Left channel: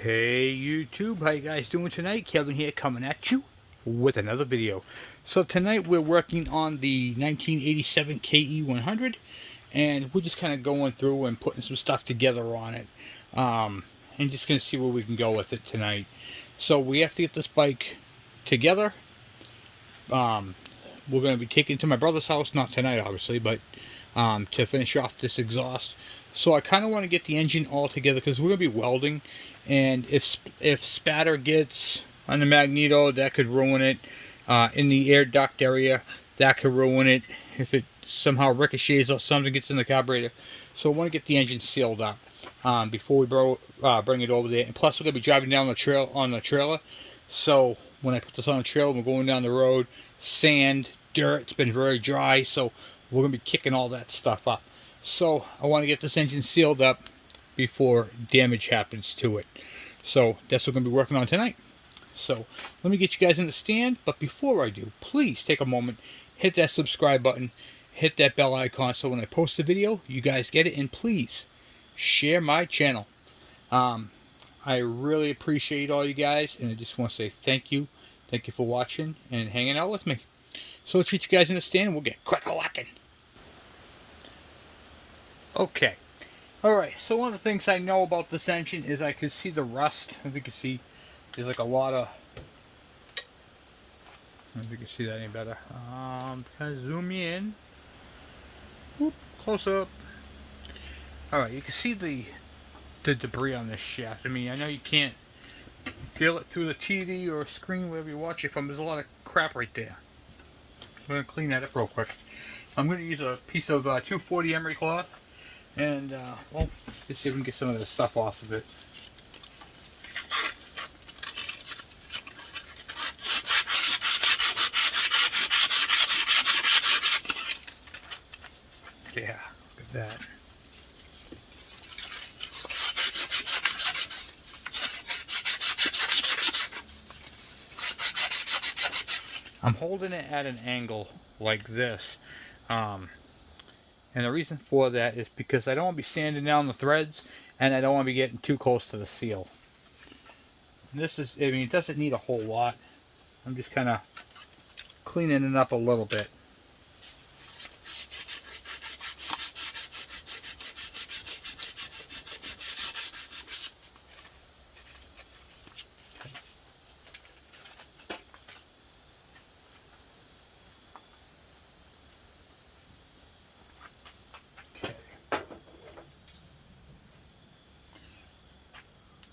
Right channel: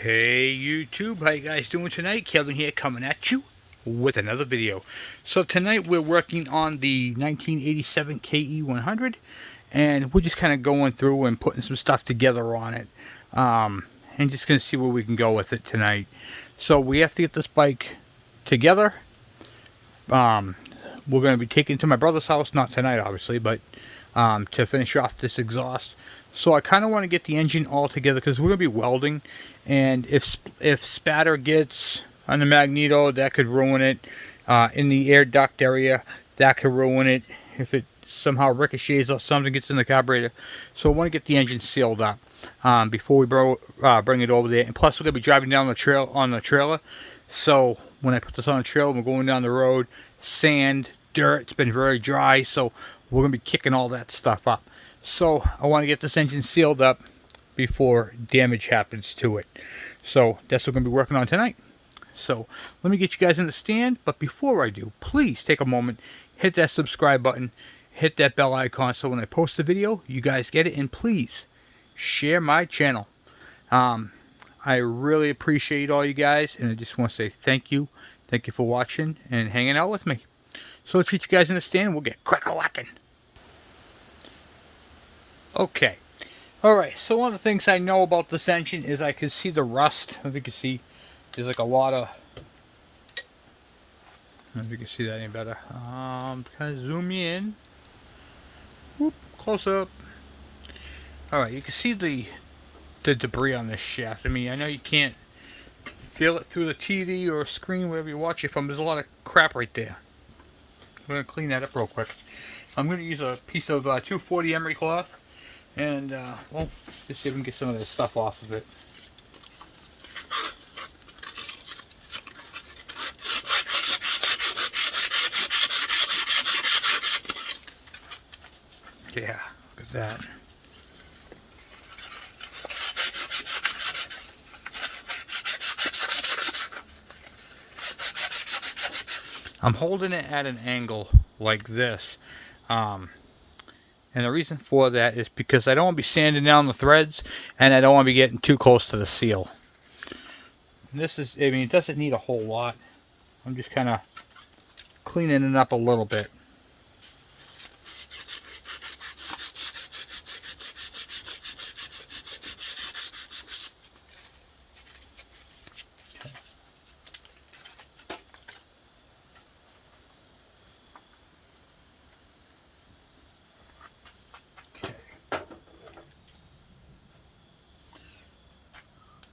Hey YouTube, how you guys doing tonight? Kevin here coming at you with another video. So tonight we're working on the 1987 KE100 and we're just kind of going through and putting some stuff together on it. And just going to see where we can go with it tonight. So we have to get this bike together. We're going to be taking it to my brother's house, not tonight obviously, but to finish off this exhaust. So I kind of want to get the engine all together because we're going to be welding, and if spatter gets on the magneto, that could ruin it. In the air duct area, that could ruin it. If it somehow ricochets or something gets in the carburetor. So I want to get the engine sealed up before we bring it over there. And plus we're going to be driving down the trail on the trailer. So when I put this on the trailer, we're going down the road, sand, dirt, it's been very dry, so we're going to be kicking all that stuff up. So I want to get this engine sealed up before damage happens to it. So that's what we're going to be working on tonight. So let me get you guys in the stand, but before I do, please take a moment, hit that subscribe button, hit that bell icon so when I post a video, you guys get it, and please share my channel. I really appreciate all you guys, and I just want to say thank you. Thank you for watching and hanging out with me. So let's get you guys in the stand and we'll get crack-a-lackin'. Okay. Alright, so one of the things I know about this engine is I can see the rust. I don't know if you can see, there's like a lot of, I don't know if you can see that any better. Kind of zoom you in. Whoop, close up. Alright, you can see the debris on this shaft. I mean, I know you can't feel it through the TV or screen, wherever you watch it from. There's a lot of crap right there. I'm going to clean that up real quick. I'm going to use a piece of 240 emery cloth. And, well, let's see if we can get some of this stuff off of it. Yeah, look at that. I'm holding it at an angle like this. And the reason for that is because I don't want to be sanding down the threads, and I don't want to be getting too close to the seal. This is, I mean, it doesn't need a whole lot. I'm just kind of cleaning it up a little bit.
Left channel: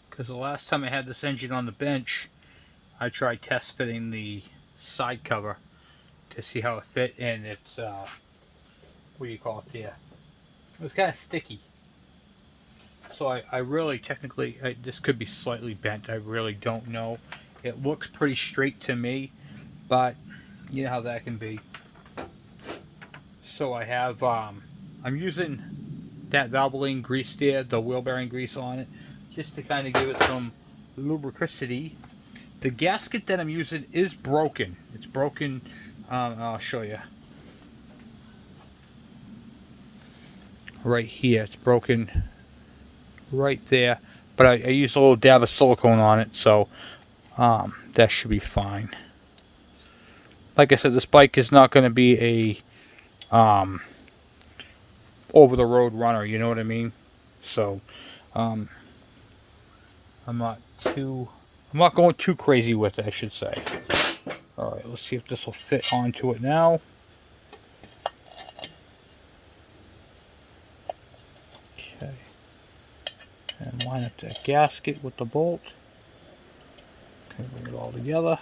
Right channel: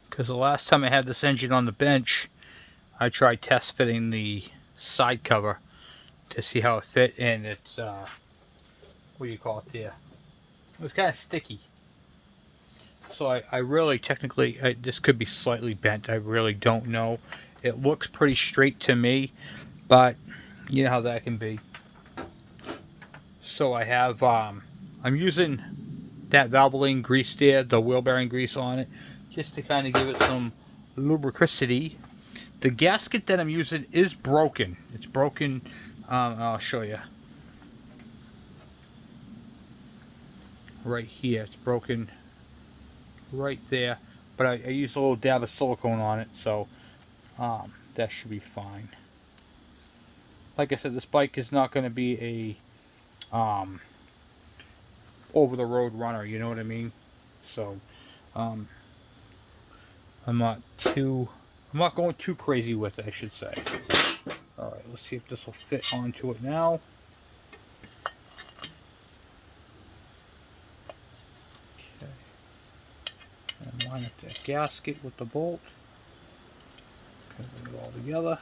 Because the last time I had this engine on the bench, I tried test fitting the side cover to see how it fit, and it's, what do you call it there? It was kind of sticky. So I really, technically, this could be slightly bent. I really don't know. It looks pretty straight to me, but you know how that can be. So I have, I'm using that Valvoline grease there, the wheel bearing grease on it, just to kind of give it some lubricity. The gasket that I'm using is broken. It's broken. I'll show you. Right here. It's broken right there. But I used a little dab of silicone on it, so that should be fine. Like I said, this bike is not going to be a over-the-road runner, you know what I mean? So, I'm not going too crazy with it, I should say. Alright, let's see if this will fit onto it now. Okay. And line up that gasket with the bolt. Okay, bring it all together.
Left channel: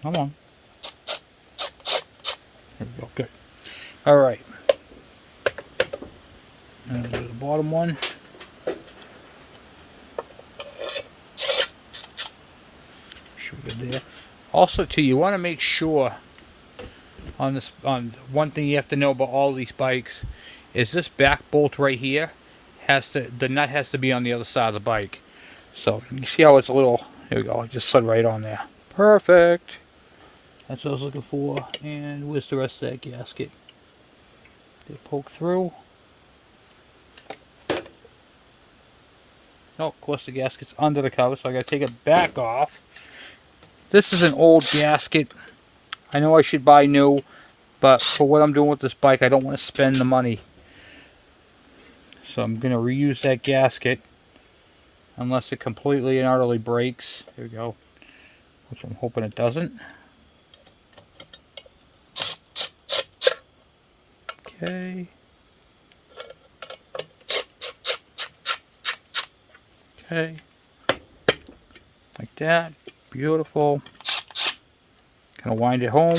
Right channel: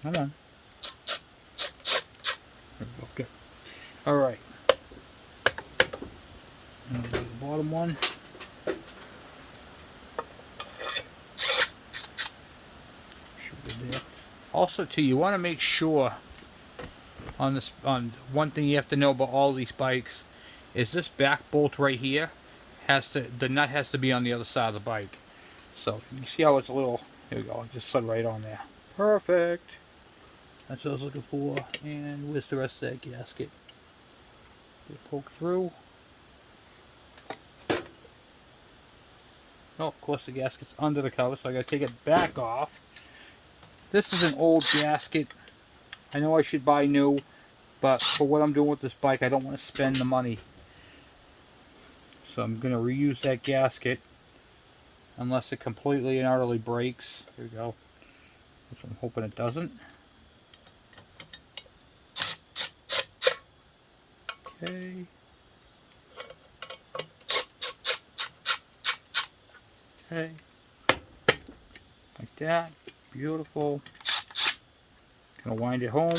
Come on. There we go. Good. Alright. And the bottom one. Should be good there. Also, too, you want to make sure on this, on one thing you have to know about all these bikes is this back bolt right here has to, the nut has to be on the other side of the bike. So you see how it's a little, there we go, it just slid right on there. Perfect. That's what I was looking for. And where's the rest of that gasket? Get a poke through. Oh, of course the gasket's under the cover, so I gotta take it back off. This is an old gasket. I know I should buy new, but for what I'm doing with this bike, I don't want to spend the money. So I'm gonna reuse that gasket, unless it completely and utterly breaks. There we go. Which I'm hoping it doesn't. Okay. Okay. Like that. Beautiful. Kind of wind it home.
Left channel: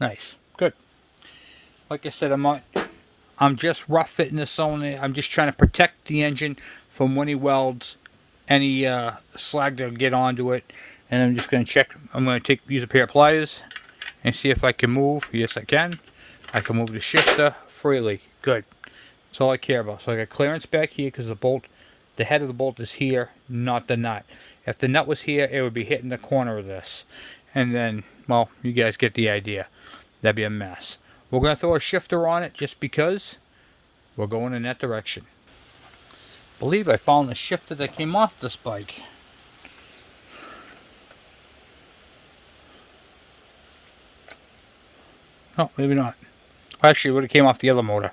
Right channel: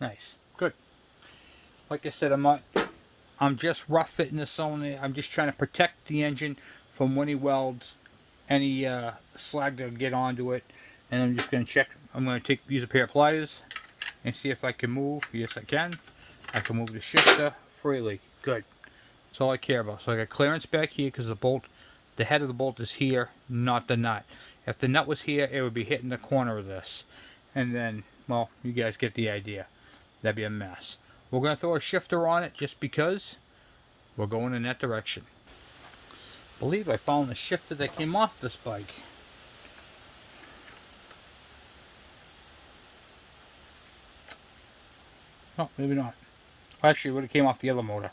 Nice. Good. Like I said, I'm just rough fitting this on there. I'm just trying to protect the engine from when he welds any slag that'll get onto it. And I'm just going to check. I'm going to use a pair of pliers and see if I can move. Yes, I can. I can move the shifter freely. Good. That's all I care about. So I got clearance back here because the head of the bolt is here, not the nut. If the nut was here, it would be hitting the corner of this. And then, well, you guys get the idea. That'd be a mess. We're going to throw a shifter on it just because we're going in that direction. I believe I found the shifter that came off this bike. Oh, maybe not. Actually, it would have came off the other motor.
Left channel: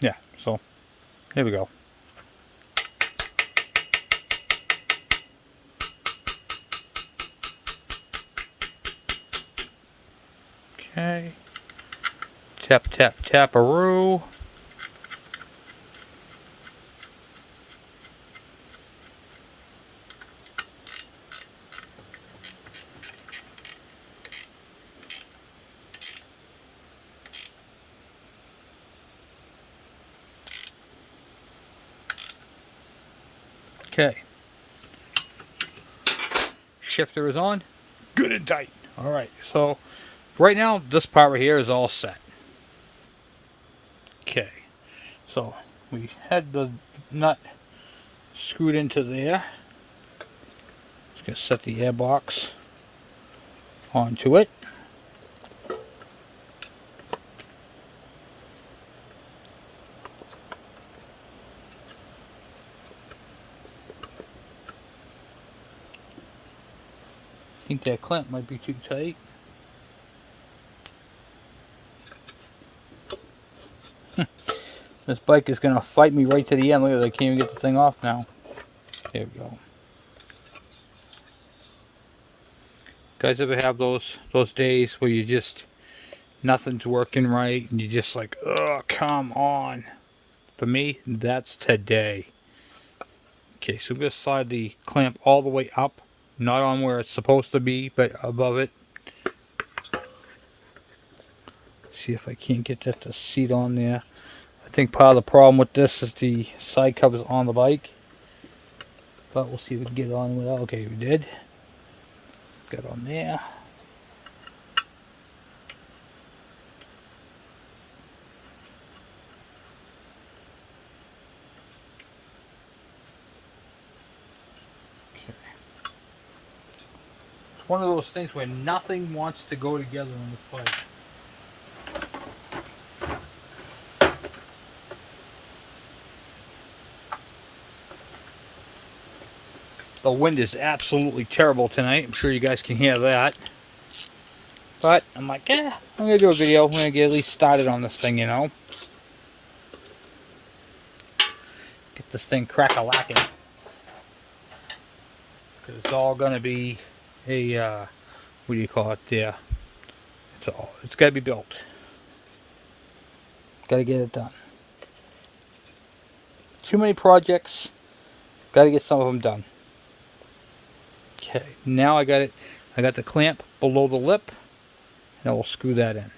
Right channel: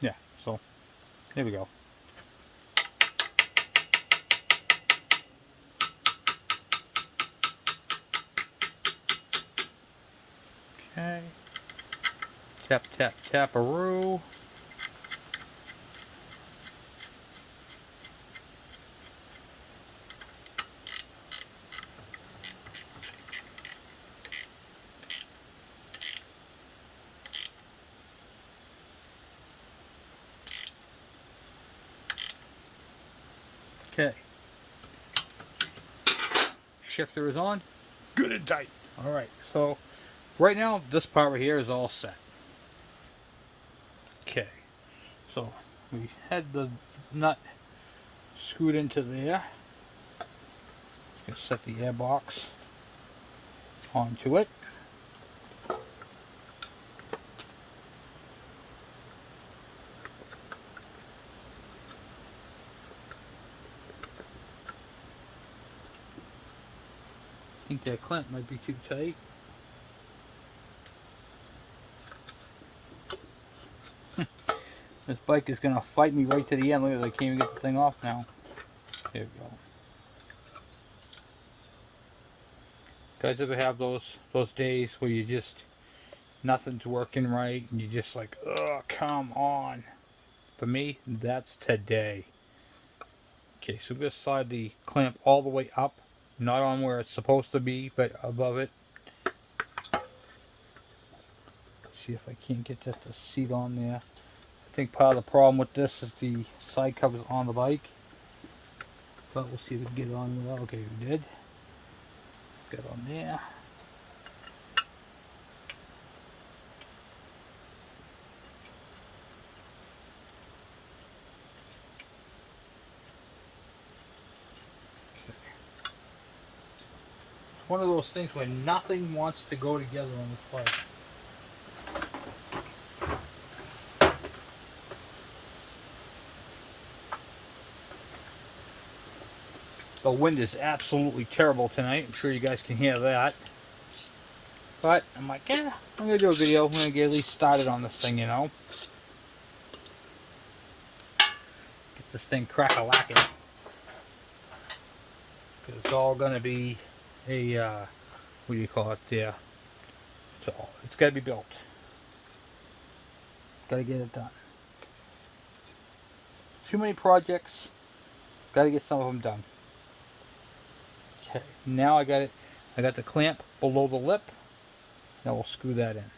Yeah, so there we go. Okay. Tap, tap, tap-a-roo. Okay. Shifter is on. Good and tight. Alright, so right now, this part right here is all set. Okay. So, we had the nut screwed into there. Just gonna set the airbox onto it. I think that clamp might be too tight. This bike is gonna fight me right to the end. Look at that, I can't even get the thing off now. There we go. Guys ever have those days where you just nothing's working right and you're just like, oh, come on. For me, that's today. Okay, so I'm gonna slide the clamp all the way up, not on where it's supposed to be, but above it. See if I can't get that to seat on there. I think part of the problem with this is the side covers on the bike. But we'll see if we can get it on without. Okay, we did. Got on there. Okay. It's one of those things where nothing wants to go together on this bike. The wind is absolutely terrible tonight. I'm sure you guys can hear that. But I'm like, I'm going to do a video. I'm going to get at least started on this thing, you know. Get this thing crack-a-lacking. Because it's all going to be a, what do you call it there? It's got to be built. Got to get it done. Too many projects. Got to get some of them done. Okay, now I got it. I got the clamp below the lip. Now we'll screw that in.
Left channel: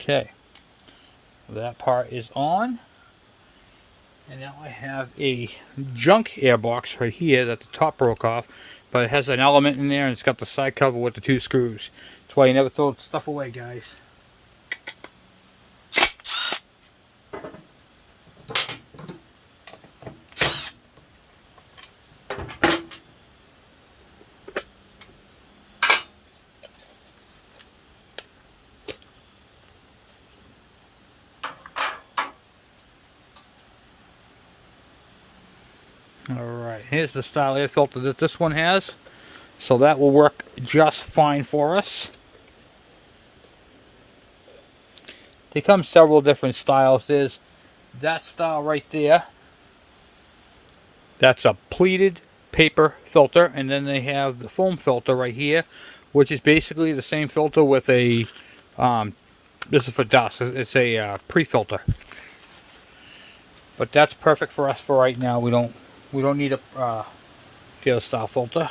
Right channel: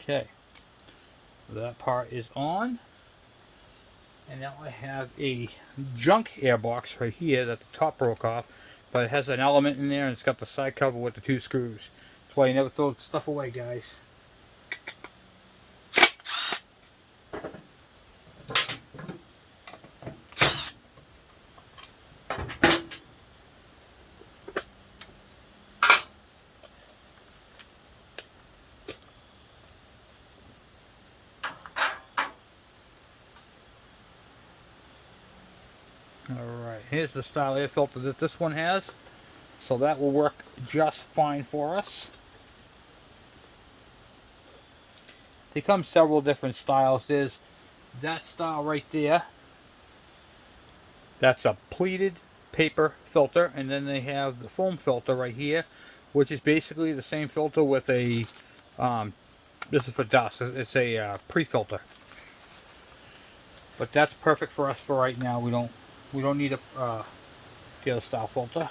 Okay. That part is on. And now I have a junk airbox right here that the top broke off, but it has an element in there and it's got the side cover with the 2 screws. That's why you never throw stuff away, guys. Alright, here's the style air filter that this one has. So that will work just fine for us. They come several different styles. There's that style right there. That's a pleated paper filter. And then they have the foam filter right here, which is basically the same filter with a, this is for dust. It's a pre-filter. But that's perfect for us for right now. We don't need a tail style filter.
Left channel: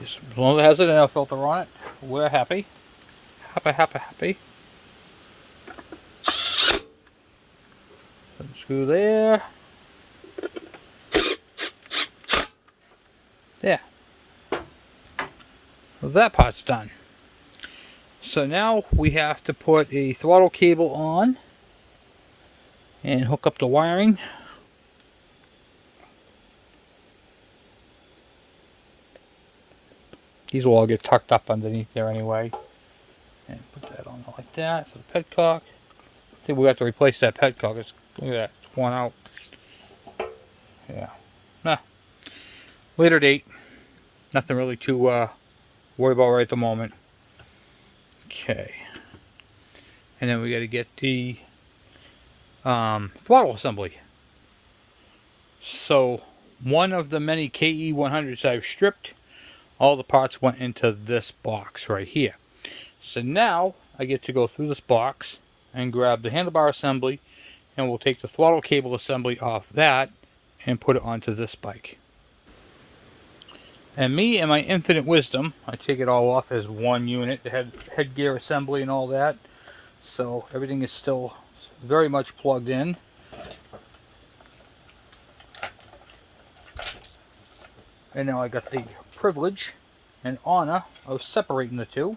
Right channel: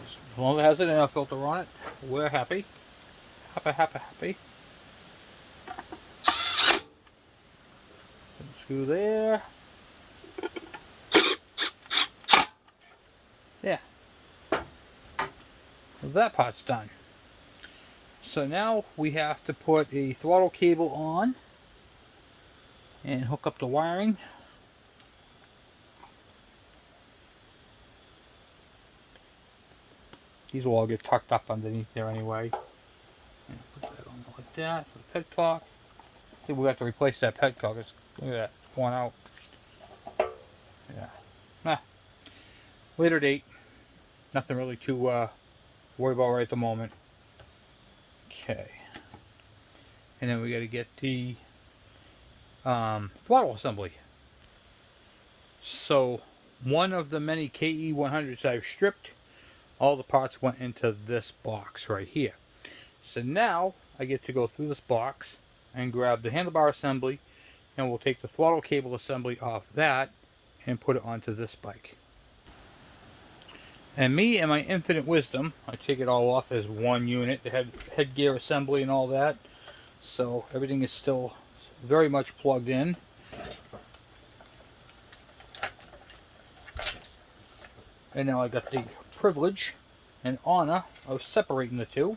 Just as long as it has an air filter on it, we're happy. Happy. Screw there. There. Well, that part's done. So now we have to put a throttle cable on and hook up the wiring. These will all get tucked up underneath there anyway. And put that on like that for the petcock. I think we have to replace that petcock. Look at that, it's worn out. Yeah. Nah. Later date. Nothing really to worry about right at the moment. Okay. And then we got to get the throttle assembly. So one of the many KE100s I've stripped, all the parts went into this box right here. So now I get to go through this box and grab the handlebar assembly, and we'll take the throttle cable assembly off that and put it onto this bike. And me and my infinite wisdom, I take it all off as one unit, the headgear assembly and all that. So everything is still very much plugged in. And now I got the privilege and honor of separating the two.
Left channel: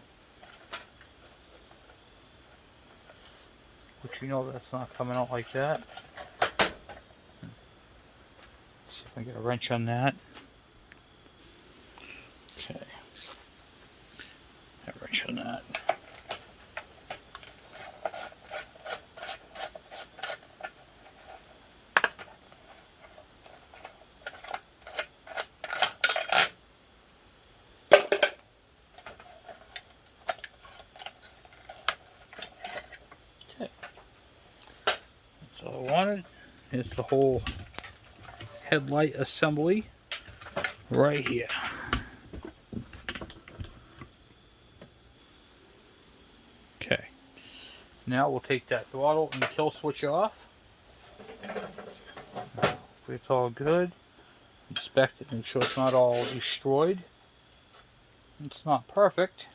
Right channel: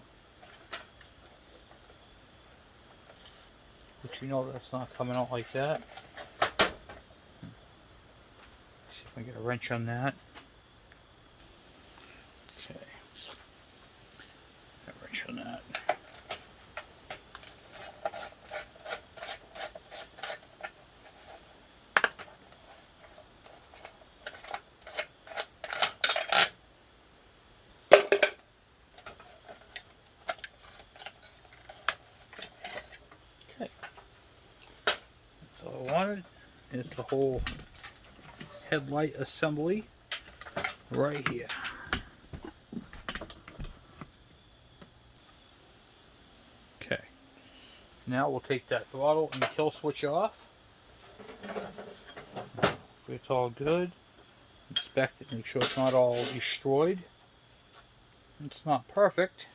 Which you know that's not coming out like that. See if I can get a wrench on that. Okay. A wrench on that. All I wanted is the whole headlight assembly right here. Okay, now we'll take that throttle and kill switch off. If it's all good, inspect it, make sure it's not all destroyed. It's not perfect,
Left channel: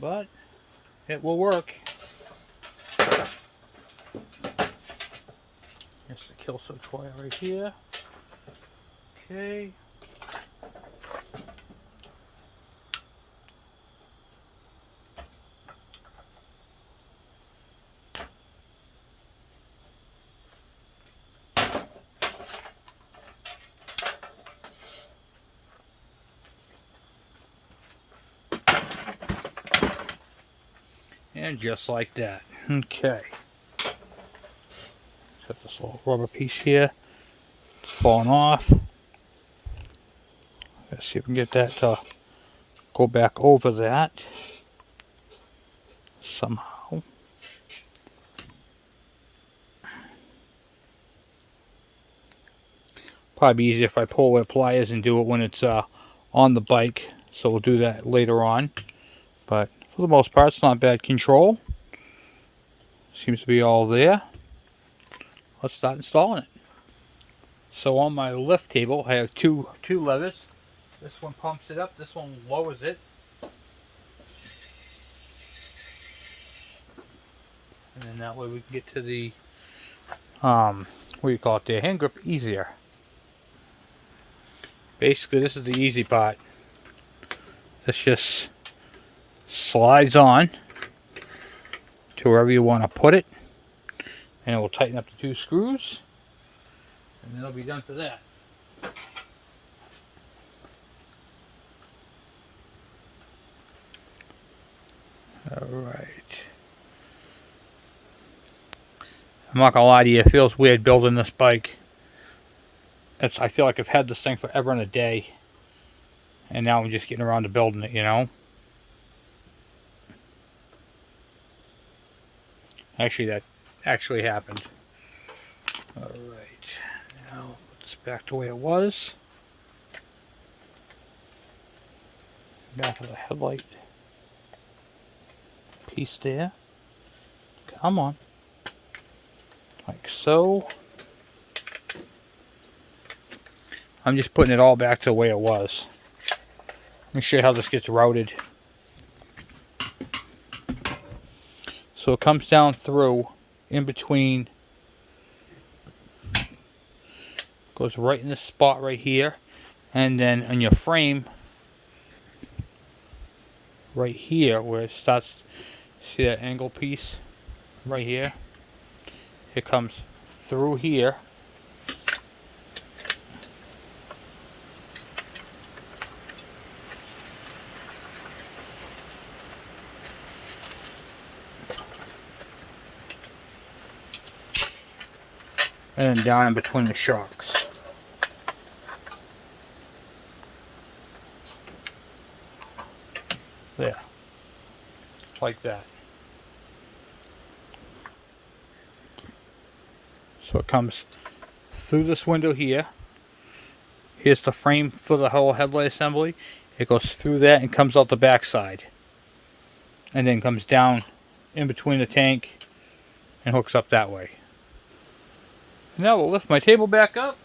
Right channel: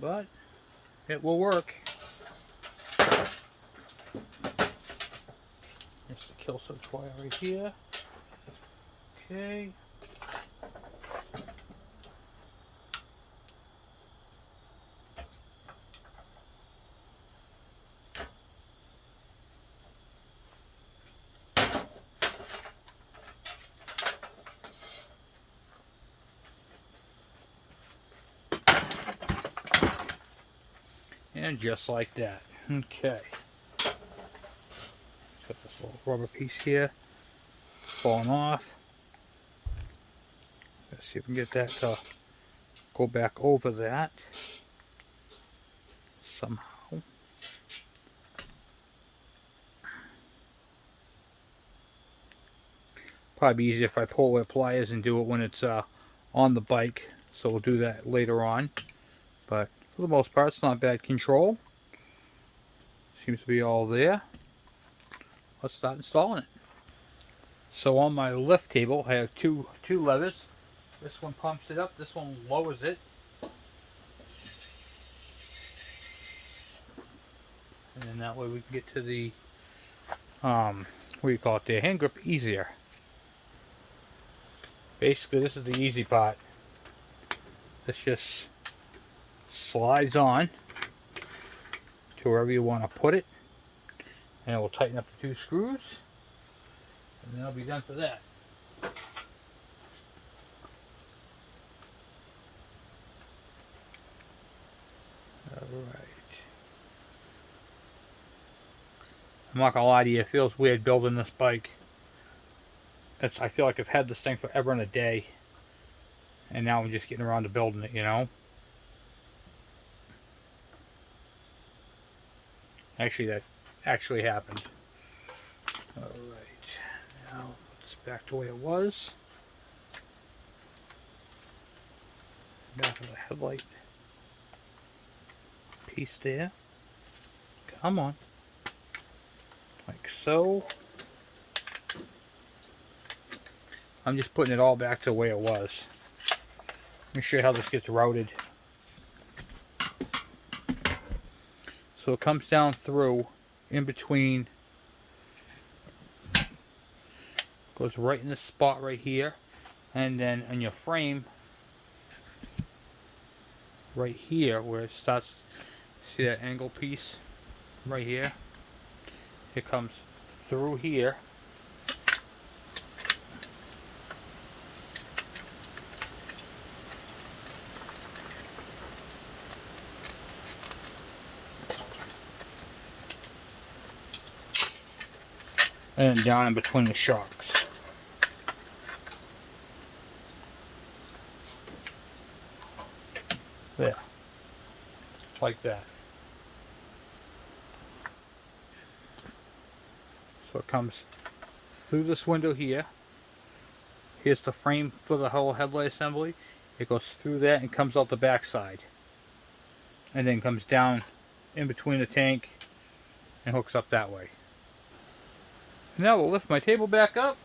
but it will work. Here's the kill switch wire right here. Okay. And just like that. Okay. Got this little rubber piece here. It's falling off. Let's see if we can get that to go back over that somehow. Probably easier if I pull with pliers and do it when it's on the bike. So we'll do that later on. But for the most part, it's not bad control. Seems to be all there. Let's start installing it. So on my lift table, I have two levers. This one pumps it up, this one lowers it. And then that way we can get to the, what do you call it, the hand grip easier. Basically, this is the easy part. This just slides on to wherever you want to put it. And it will tighten up the 2 screws. And then it'll be done for that. Alright. I'm not gonna lie to you, it feels weird building this bike. I feel like I've had this thing forever and a day. And now I'm just getting around to building it, you know? Actually, that actually happened. Alright. Now, put this back the way it was. Back of the headlight piece there. Come on. Like so. I'm just putting it all back to the way it was. Let me show you how this gets routed. So it comes down through, in between, goes right in this spot right here, and then on your frame, right here where it starts, see that angle piece right here? It comes through here. And then down in between the shocks. There. Like that. So it comes through this window here. Here's the frame for the whole headlight assembly. It goes through that and comes out the back side. And then comes down in between the tank and hooks up that way. Now we'll lift my table back up.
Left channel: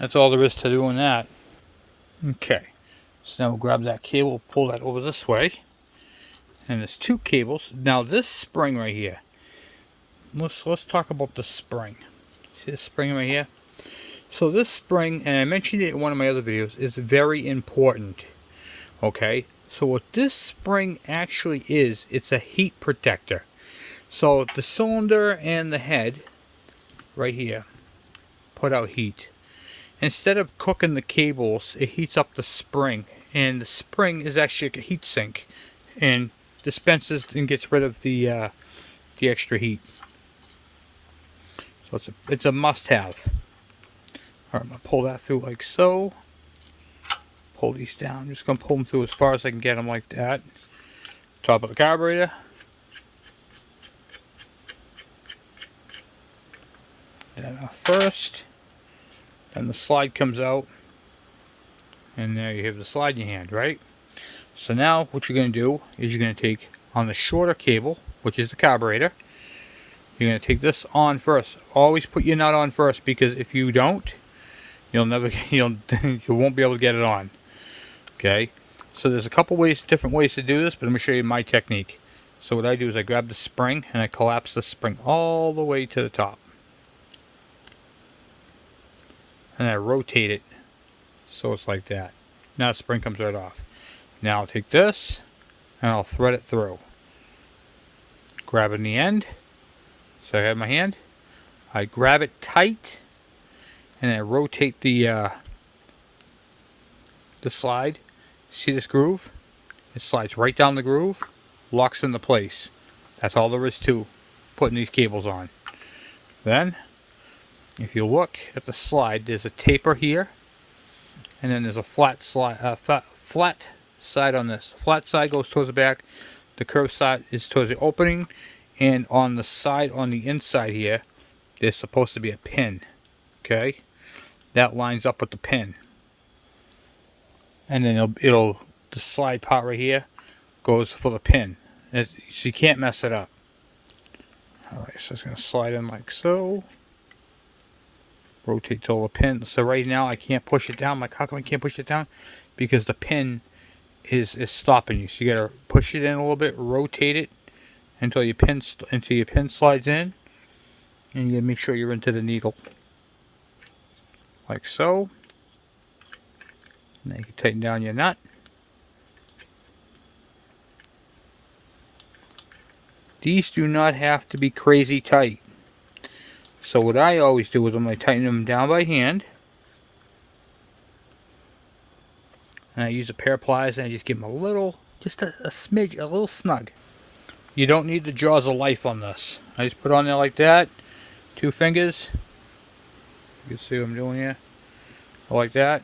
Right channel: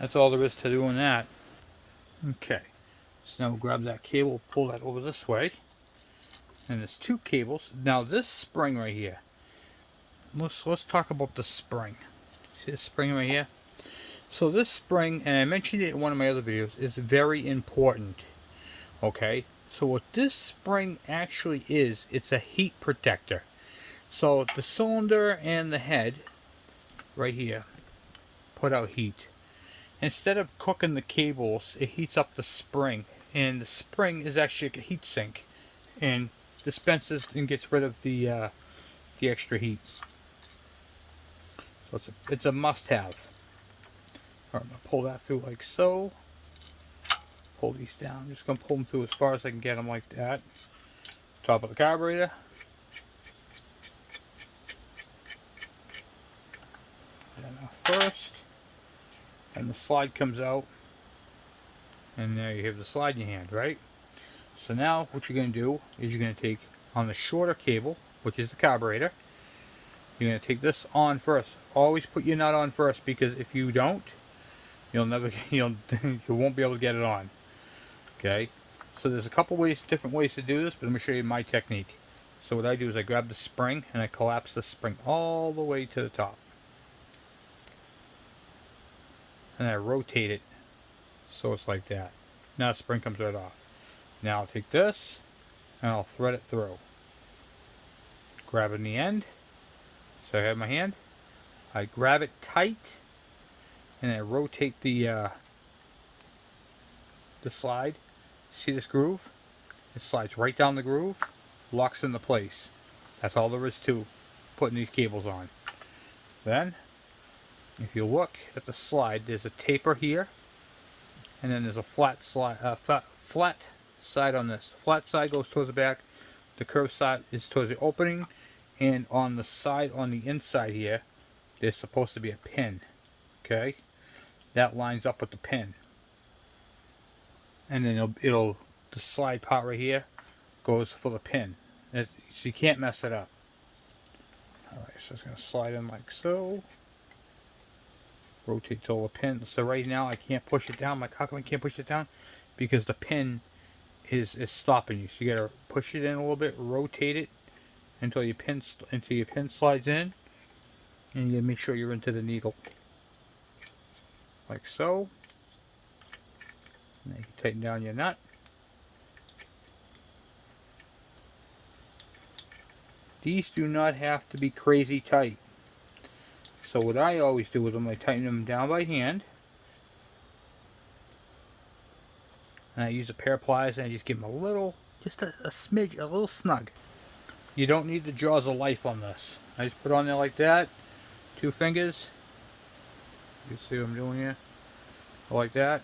That's all there is to doing that. Okay, so now we'll grab that cable, pull that over this way. And there's 2 cables. Now this spring right here. Let's talk about the spring. See this spring right here? So this spring, and I mentioned it in one of my other videos, is very important. Okay? So what this spring actually is, it's a heat protector. So the cylinder and the head, right here, put out heat. Instead of cooking the cables, it heats up the spring. And the spring is actually a heat sink. And dispenses and gets rid of the extra heat. So it's a must-have. Alright, I'm going to pull that through like so. Pull these down. I'm just going to pull them through as far as I can get them like that. Top of the carburetor. And first. Then the slide comes out. And there you have the slide in your hand, right? So now what you're going to do is you're going to take on the shorter cable, which is the carburetor. You're going to take this on first. Always put your nut on first, because if you don't, you won't be able to get it on. Okay? So there's a couple different ways to do this, but let me show you my technique. So what I do is I grab the spring and I collapse the spring all the way to the top. And I rotate it so it's like that. Now the spring comes right off. Now I'll take this and I'll thread it through. Grab it in the end. So I have my hand. I grab it tight and I rotate the slide. See this groove? It slides right down the groove, locks into place. That's all there is to putting these cables on. Then If you look at the slide, there's a taper here, and then there's a flat side on this. Flat side goes towards the back. The curved side is towards the opening, and on the side, on the inside here, there's supposed to be a pin. Okay, that lines up with the pin, and then the slide part right here goes for the pin. So you can't mess it up. Alright, so it's going to slide in like so. Rotate till the pin. So right now I can't push it down. Like, how come I can't push it down? Because the pin is stopping you. So you got to push it in a little bit, rotate it until your pin slides in, and you got to make sure you're into the needle. Like so. Now you can tighten down your nut. These do not have to be crazy tight. So what I always do is I'm going to tighten them down by hand. And I use a pair of pliers and I just give them a little, just a smidge, a little snug. You don't need the jaws of life on this. I just put it on there like that. 2 fingers. You can see what I'm doing here. Like that.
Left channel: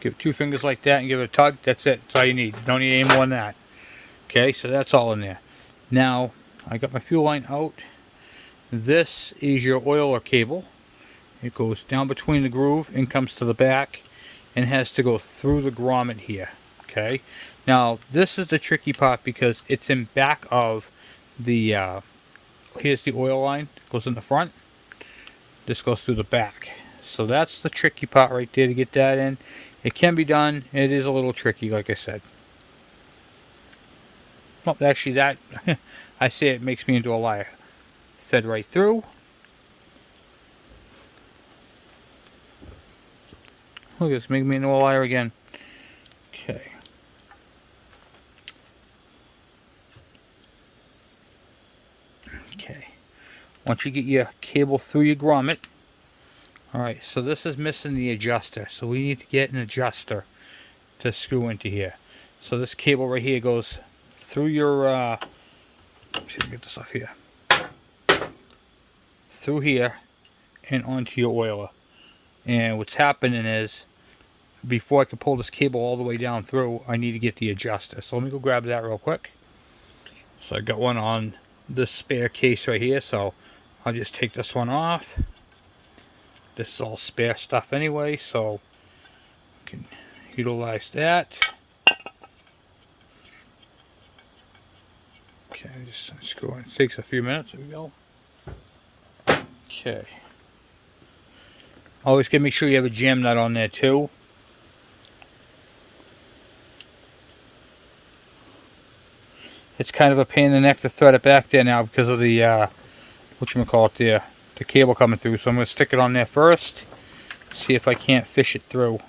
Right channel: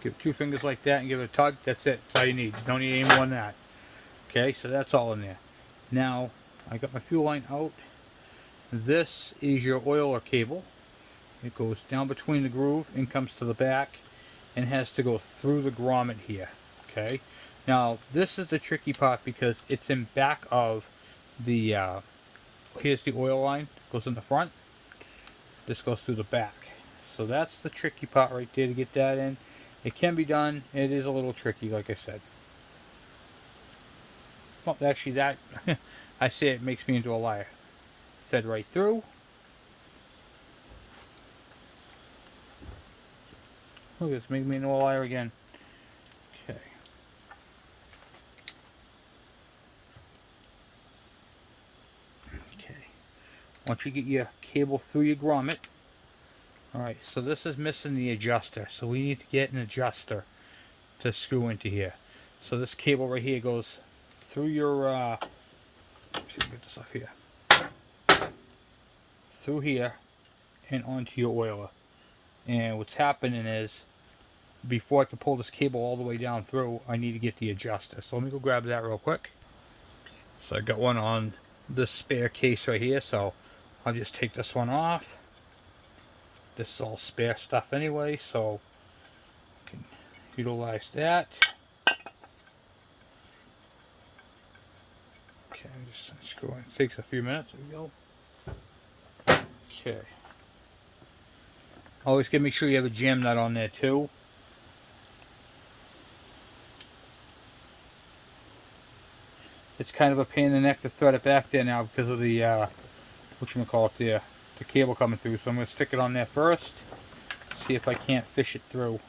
Give 2 fingers like that and give it a tug. That's it. That's all you need. Don't need any more than that. Okay, so that's all in there. Now, I got my fuel line out. This is your oiler cable. It goes down between the groove and comes to the back and has to go through the grommet here. Okay, now this is the tricky part because it's in back of the here's the oil line. It goes in the front. This goes through the back. So that's the tricky part right there to get that in. It can be done. It is a little tricky, like I said. Well, actually that I say it makes me into a liar. Fed right through. Look at this, make me into a liar again. Okay. Okay. Once you get your cable through your grommet. Alright, so this is missing the adjuster. So we need to get an adjuster to screw into here. So this cable right here goes through your let's see if I can get this off here. Through here and onto your oiler. And what's happening is, before I can pull this cable all the way down through, I need to get the adjuster. So let me go grab that real quick. So I got one on this spare case right here, so I'll just take this one off. This is all spare stuff anyway, so I can utilize that. Okay, just screw in. It takes a few minutes. There we go. Okay. Always gotta make sure you have a jam nut on there too. It's kind of a pain in the neck to thread it back there now because of the whatchamacallit there, the cable coming through. So I'm gonna stick it on there first. See if I can't fish it through.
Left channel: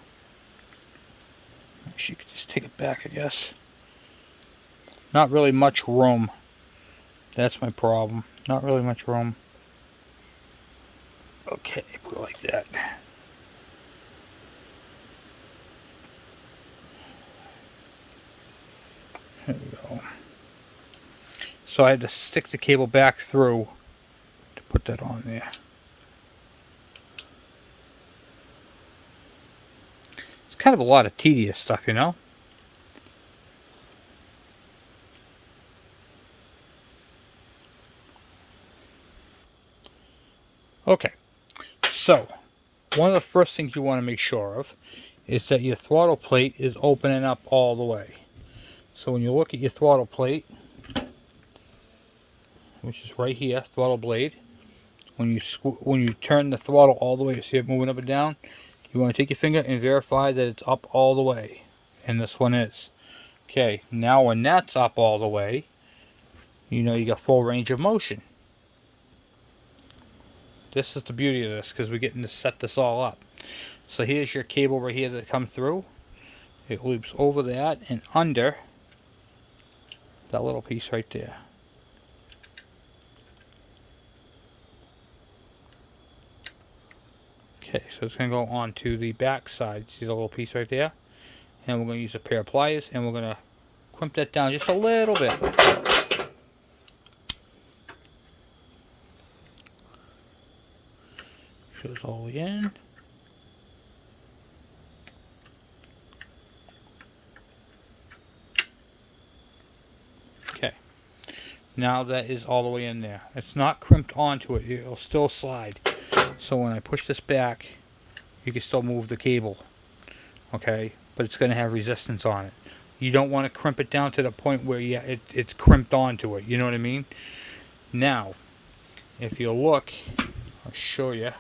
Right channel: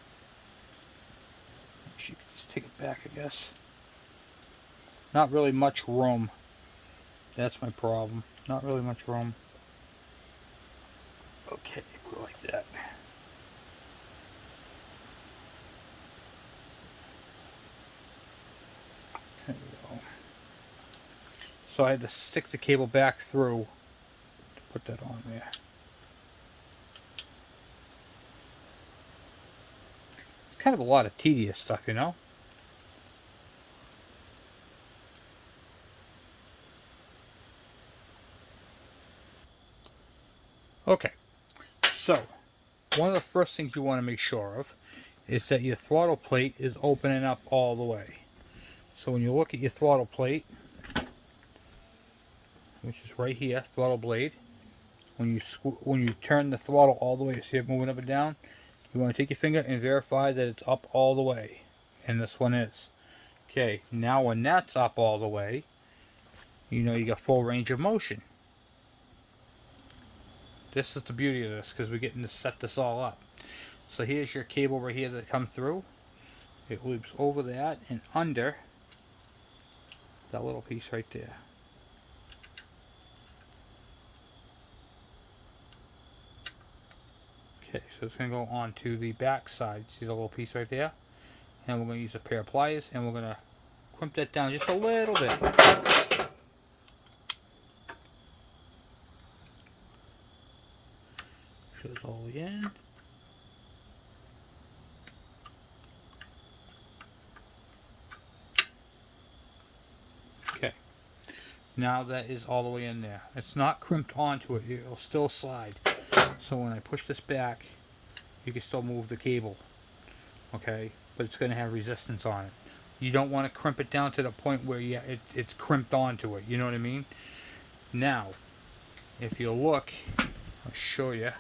You could just take it back, I guess. Not really much room. That's my problem. Not really much room. Okay, put it like that. There we go. So I had to stick the cable back through to put that on there. It's kind of a lot of tedious stuff, you know? Okay. So, one of the first things you want to make sure of is that your throttle plate is opening up all the way. So when you look at your throttle plate, which is right here, throttle blade, when you turn the throttle all the way, see it moving up and down, you want to take your finger and verify that it's up all the way. And this one is. Okay, now when that's up all the way, you know you got full range of motion. This is the beauty of this, because we're getting to set this all up. So here's your cable right here that comes through. It loops over that and under that little piece right there. Okay, so it's going to go onto the back side. See the little piece right there? And we're going to use a pair of pliers and we're going to crimp that down just a little bit. sure it's all the way in. Okay. Now that is all the way in there. It's not crimped onto it. It'll still slide. So when I push this back, you can still move the cable. Okay? But it's going to have resistance on it. You don't want to crimp it down to the point where it's crimped onto it. You know what I mean? Now, if you look, I'll show you.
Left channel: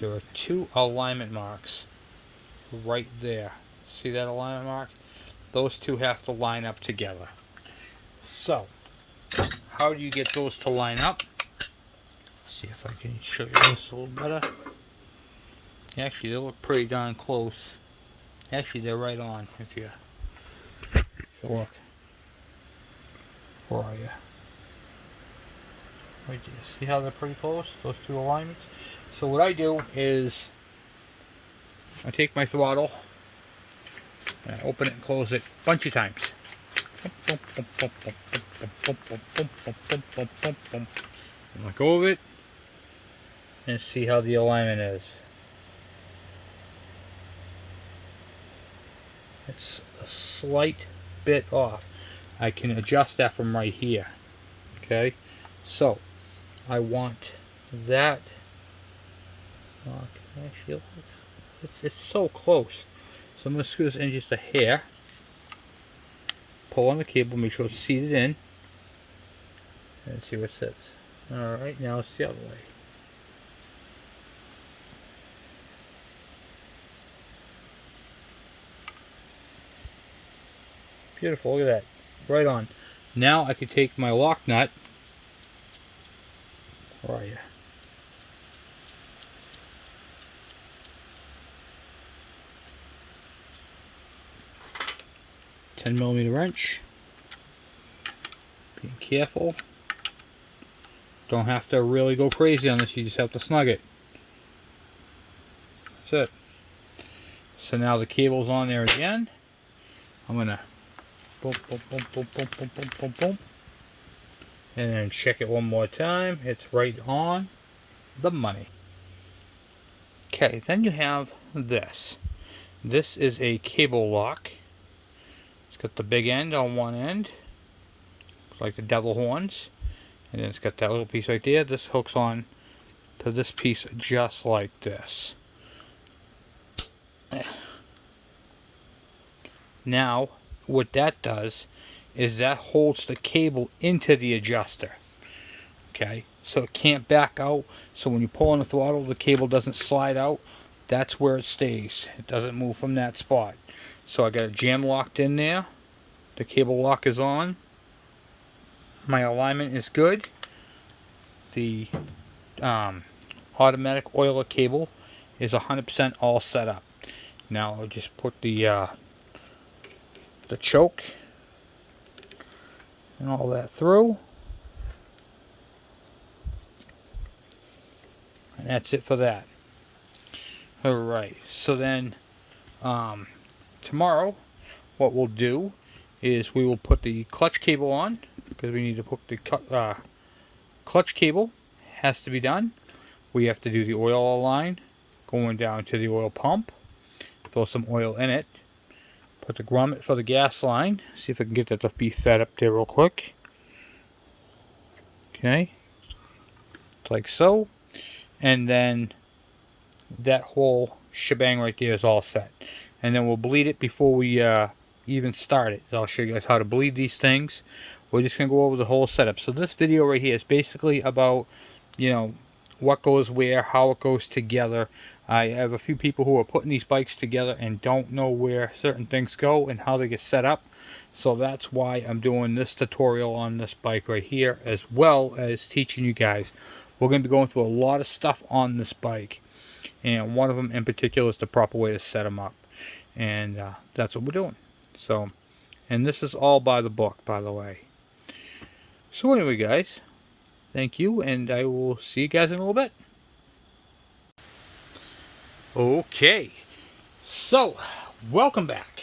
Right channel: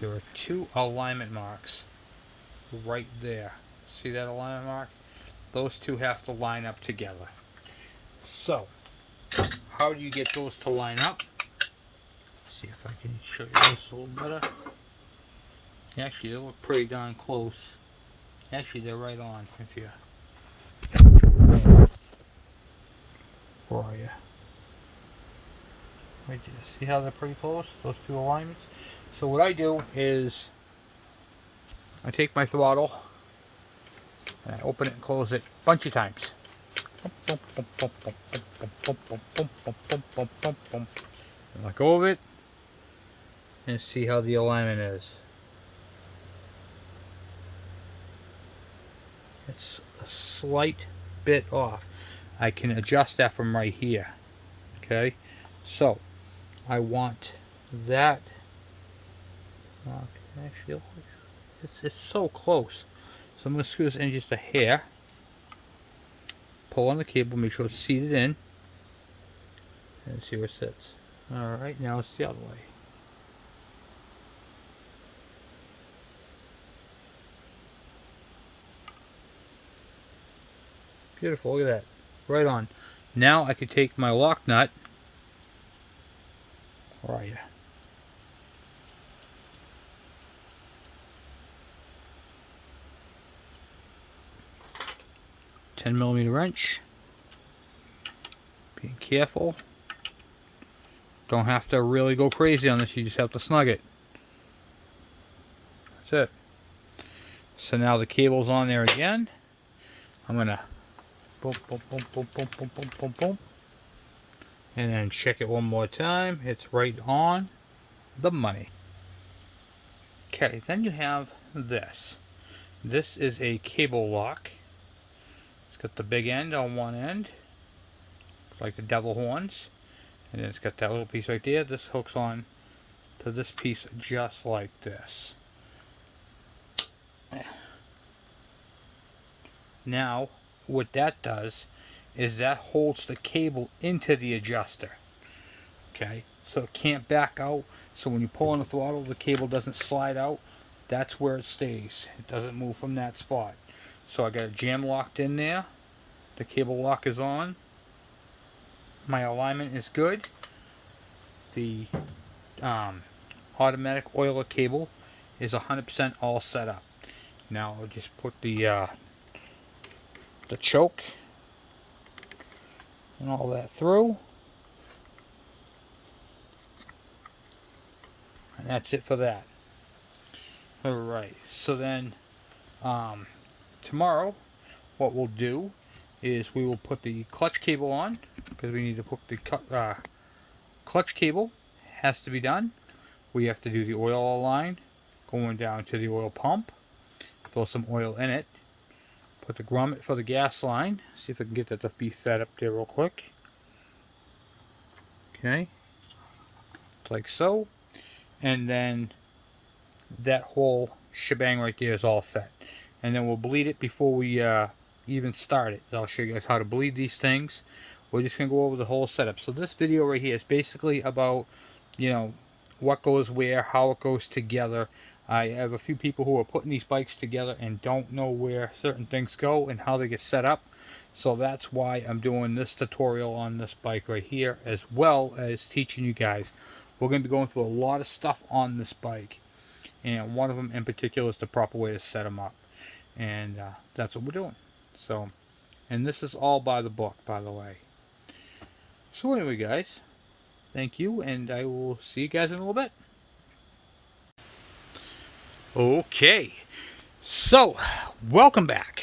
There are two alignment marks right there. See that alignment mark? Those two have to line up together. So, how do you get those to line up? See if I can show you this a little better. Actually, they look pretty darn close. Actually, they're right on. If you, where are you? Right there. See how they're pretty close? Those two alignments. So what I do is I take my throttle and I open it and close it a bunch of times. And let go of it and see how the alignment is. It's a slight bit off. I can adjust that from right here. Okay, so I want that. Actually, it's so close. So I'm going to screw this in just a hair. Pull on the cable, make sure it's seated in, and see where it sits. Alright, now it's the other way. Beautiful, look at that. Right on. Now I can take my lock nut. Where are you? .10mm wrench. Being careful. Don't have to really go crazy on this, you just have to snug it. That's it. So now the cable's on there again. I'm gonna boom, boom, boom, boom, boom, boom, boom, boom, boom. And then check it one more time. It's right on the money. Okay, then you have this. This is a cable lock. It's got the big end on one end, like the devil horns. And then it's got that little piece right there. This hooks on to this piece just like this. Now, what that does is that holds the cable into the adjuster. Okay, so it can't back out. So when you pull on the throttle, the cable doesn't slide out. That's where it stays. It doesn't move from that spot. So I got it jam locked in there. The cable lock is on. My alignment is good. The automatic oiler cable is 100% all set up. Now I'll just put the choke and all that through. And that's it for that. Alright, so then tomorrow what we'll do is we will put the clutch cable on, because we need to put the clutch cable has to be done. We have to do the oil line going down to the oil pump, throw some oil in it, put the grommet for the gas line. See if I can get that to be fed up there real quick. Okay, like so. And then that whole shebang right there is all set. And then we'll bleed it before we even start it. I'll show you guys how to bleed these things. We're just going to go over the whole setup. So this video right here is basically about, you know, what goes where, how it goes together. I have a few people who are putting these bikes together and don't know where certain things go and how they get set up. So that's why I'm doing this tutorial on this bike right here, as well as teaching you guys. We're going to be going through a lot of stuff on this bike. And one of them in particular is the proper way to set them up. And that's what we're doing. So, and this is all by the book, by the way. So anyway, guys, thank you, and I will see you guys in a little bit. Okay, so welcome back.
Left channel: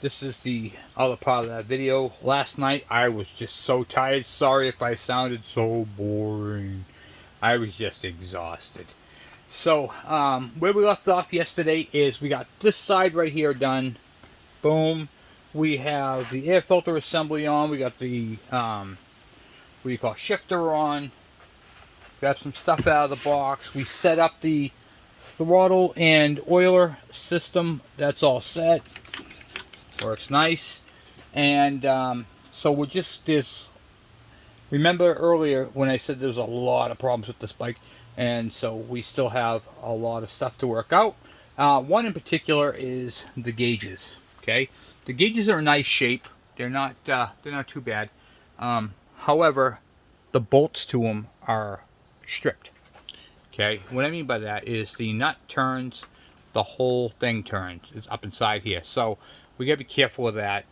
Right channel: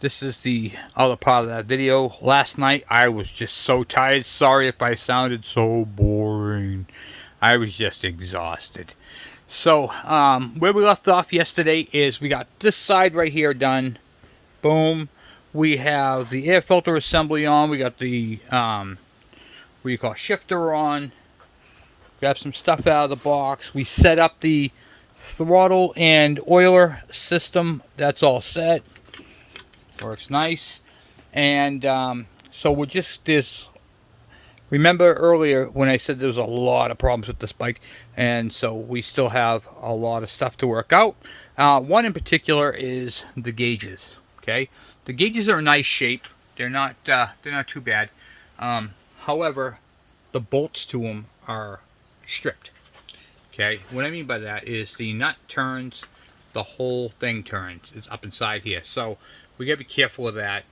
This is the other part of that video. Last night I was just so tired. Sorry if I sounded so boring. I was just exhausted. So, where we left off yesterday is we got this side right here done. Boom. We have the air filter assembly on. We got the, what do you call, shifter on. Grab some stuff out of the box. We set up the throttle and oiler system. That's all set. Works nice. And so we're just this. Remember earlier when I said there was a lot of problems with this bike, and so we still have a lot of stuff to work out. One in particular is the gauges. Okay, the gauges are in nice shape. They're not too bad. However, the bolts to them are stripped. Okay, what I mean by that is the nut turns, the whole thing turns. It's up inside here, so we gotta be careful of that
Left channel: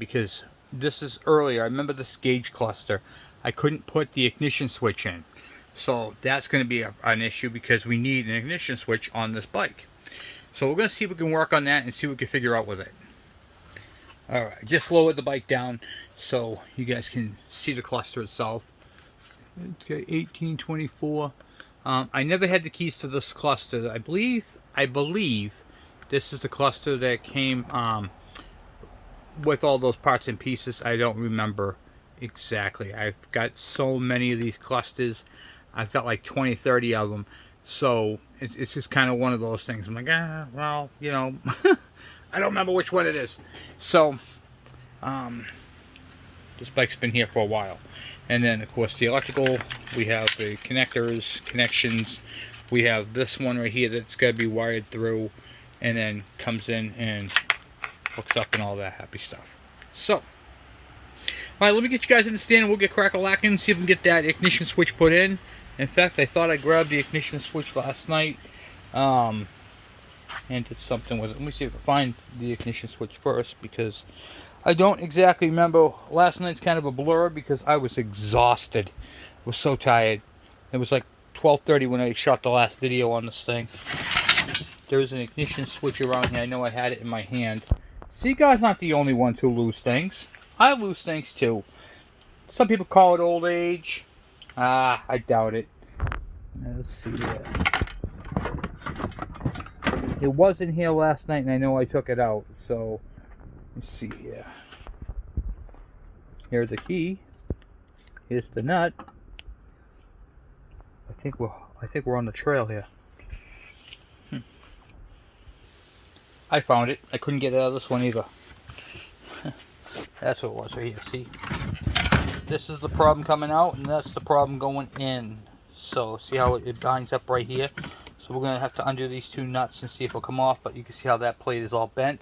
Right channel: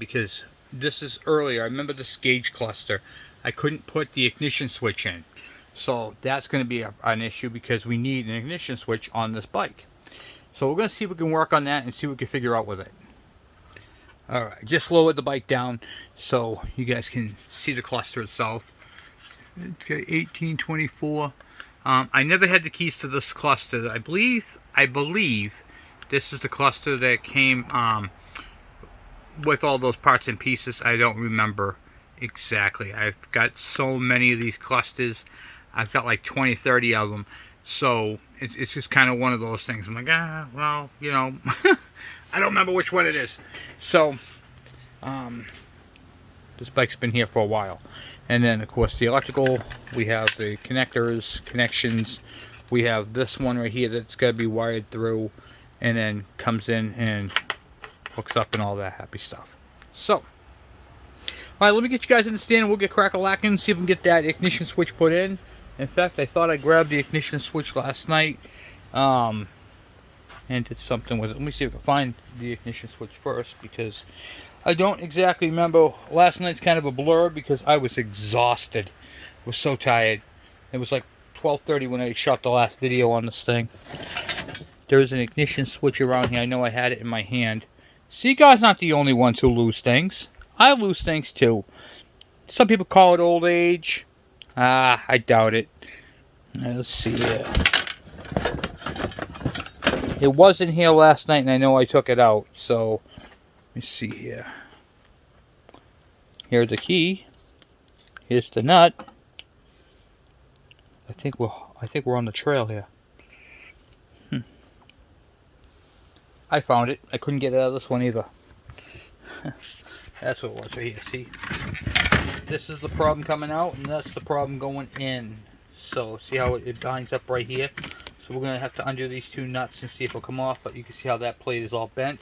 because this is earlier. I remember this gauge cluster. I couldn't put the ignition switch in, so that's going to be an issue because we need an ignition switch on this bike. So we're going to see if we can work on that and see what we can figure out with it. All right, just lowered the bike down so you guys can see the cluster itself. Okay, 1824. I never had the keys to this cluster. I believe this is the cluster that came with all those parts and pieces. I don't remember exactly. I've got so many of these clusters. I've got like 20, 30 of them. So it's just kind of one of those things. I'm like, well, you know, I don't remember which one it is. So this bike's been here for a while. And then, of course, the electrical. We have the connectors, connections. We have this one right here that's got to be wired through, and then comes in and hooks up and all that happy stuff. So, all right, let me get you guys in the stand and we'll get crack-a-lacking, see if we can get that ignition switch put in. In fact, I thought I grabbed the ignition switch last night and did something with it. Let me see if I can find the ignition switch first because I don't exactly remember. Last night's kind of a blur because I was exhausted. I was so tired. It was like 12:30 when I shot the last video on this thing. There's an ignition switch around here. I know I had it in my hand. So you guys aren't the only ones who lose things. I lose things too. Some people call it old age. I doubt it. Let's see here. It was in here last night and I know I took it out. So, let me see here. Here's the key. Here's the nut. I think we're on the trail here. I found it. I couldn't get it out of this one either. That's what it was right here. See? This is the problem coming out, and that's the problem going in. So, see how it binds up right here? So we're going to have to undo these two nuts and see if it'll come off, but you can see how that plate is all bent.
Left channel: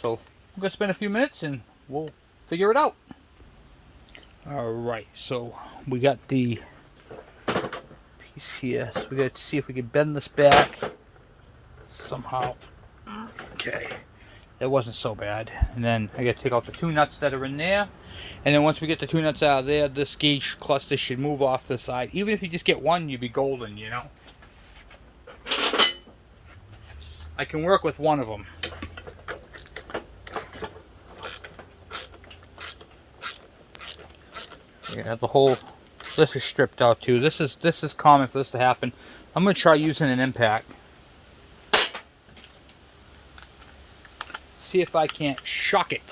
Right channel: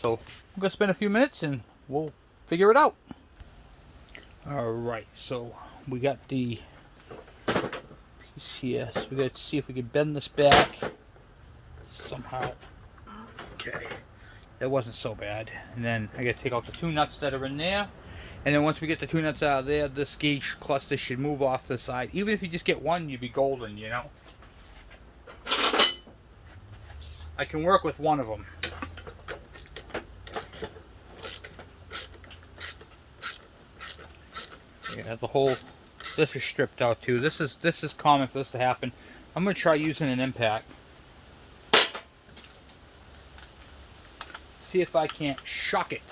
So, we're going to spend a few minutes, and we'll figure it out. Alright, so we got the piece here. So we got to see if we can bend this back somehow. Okay, that wasn't so bad. And then I got to take out the two nuts that are in there. And then once we get the two nuts out of there, this gauge cluster should move off the side. Even if you just get one, you'd be golden, you know. I can work with one of them. Yeah, the whole, this is stripped out too. This is common for this to happen. I'm going to try using an impact. See if I can't shock it.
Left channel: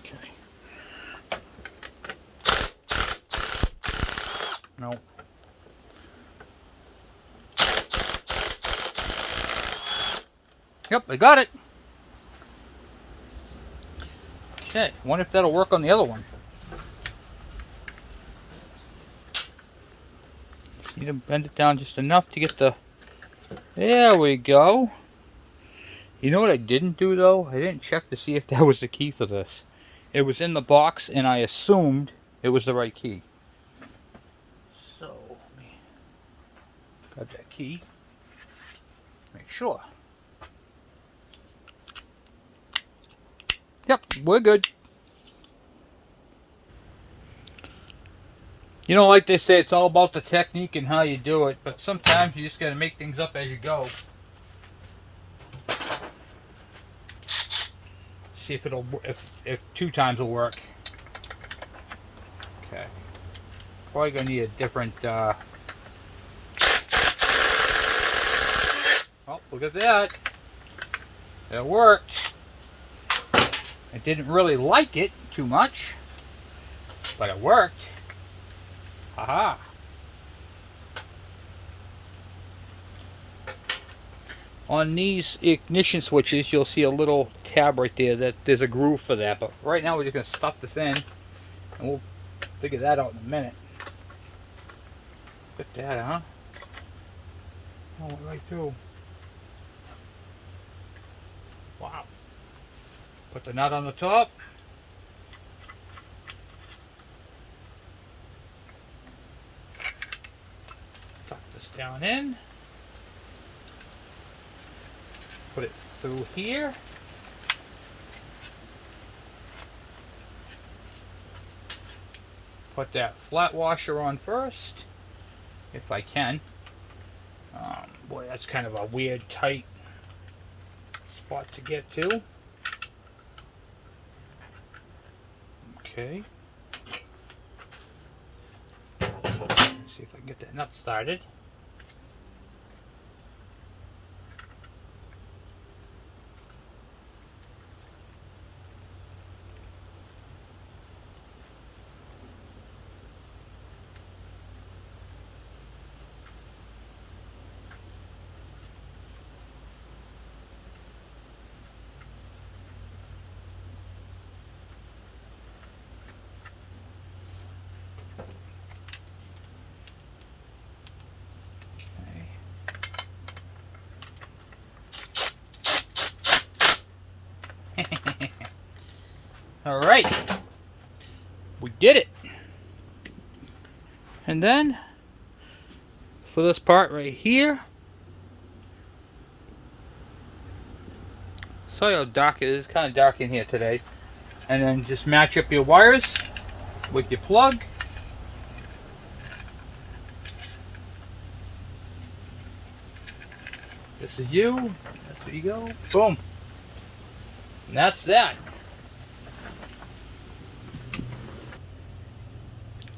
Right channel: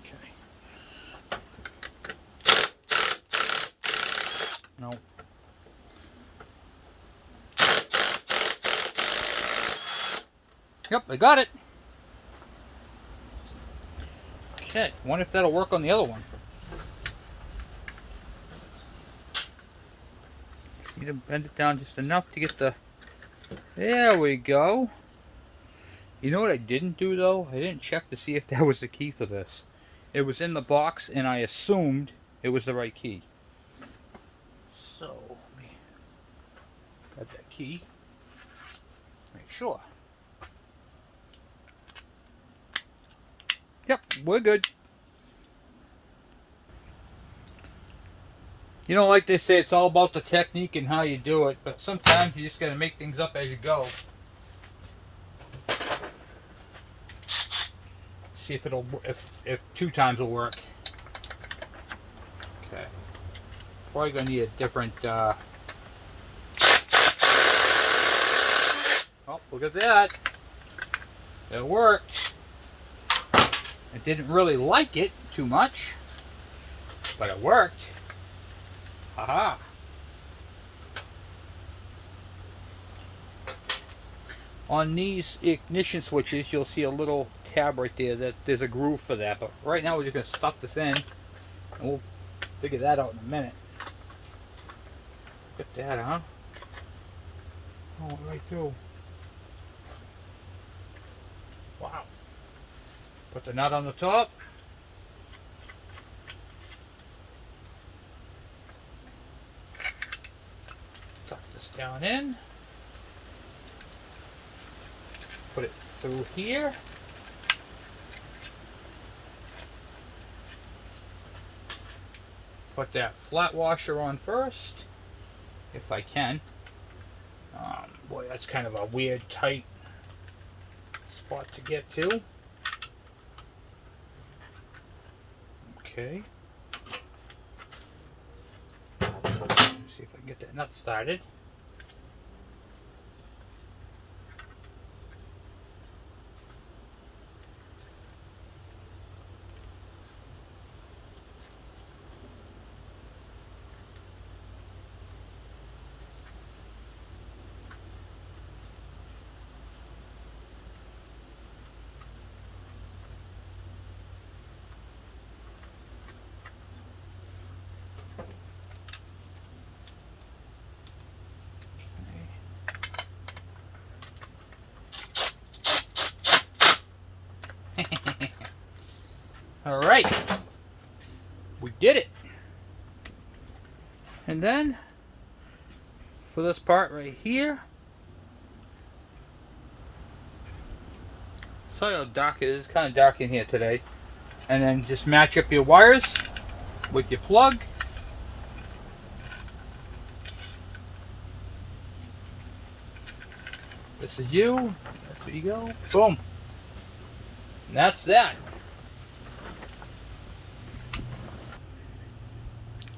Okay. No. Yep, I got it. Okay, wonder if that'll work on the other one. Just need to bend it down just enough to get the... There we go. You know what I didn't do though? I didn't check to see if that was the key for this. It was in the box and I assumed it was the right key. So, let me grab that key. Make sure. Yep, we're good. You know, like they say, it's all about the technique and how you do it, but sometimes you just got to make things up as you go. See if it'll, if 2 times will work. Okay. Probably gonna need a different. Oh, look at that! It worked. I didn't really like it too much, but it worked. Aha! On these ignition switches, you'll see a little tab right there that there's a groove for that. But right now, we're just gonna stuff this in, and we'll figure that out in a minute. Look at that, huh? Oh, right through. Wow. Put the nut on the top. Tuck this down in. Put it through here. Put that flat washer on first, if I can. Boy, that's kind of a weird, tight spot to get to. Okay. See if I can get that nut started. All right, we did it. And then for this part right here, sorry how dark it is. It's kind of dark in here today. And then just match up your wires with your plug. This is you. That's where you go. Boom. And that's that.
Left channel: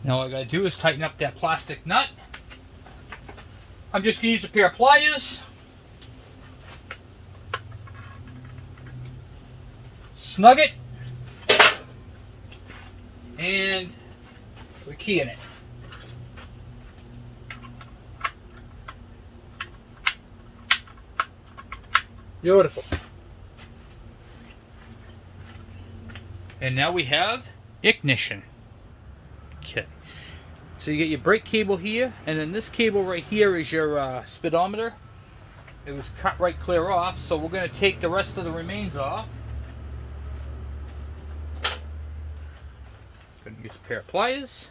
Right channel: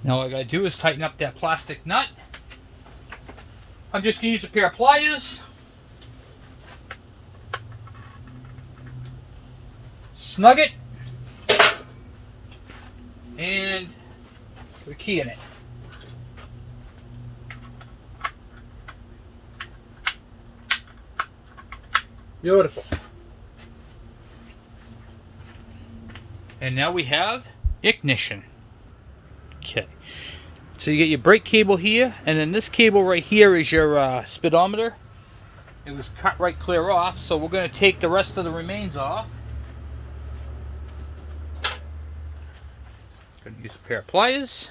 Now all I gotta do is tighten up that plastic nut. I'm just gonna use a pair of pliers. Snug it. And put a key in it. Beautiful. And now we have ignition. Okay. So you get your brake cable here, and then this cable right here is your speedometer. It was cut right clear off, so we're going to take the rest of the remains off. Going to use a pair of pliers.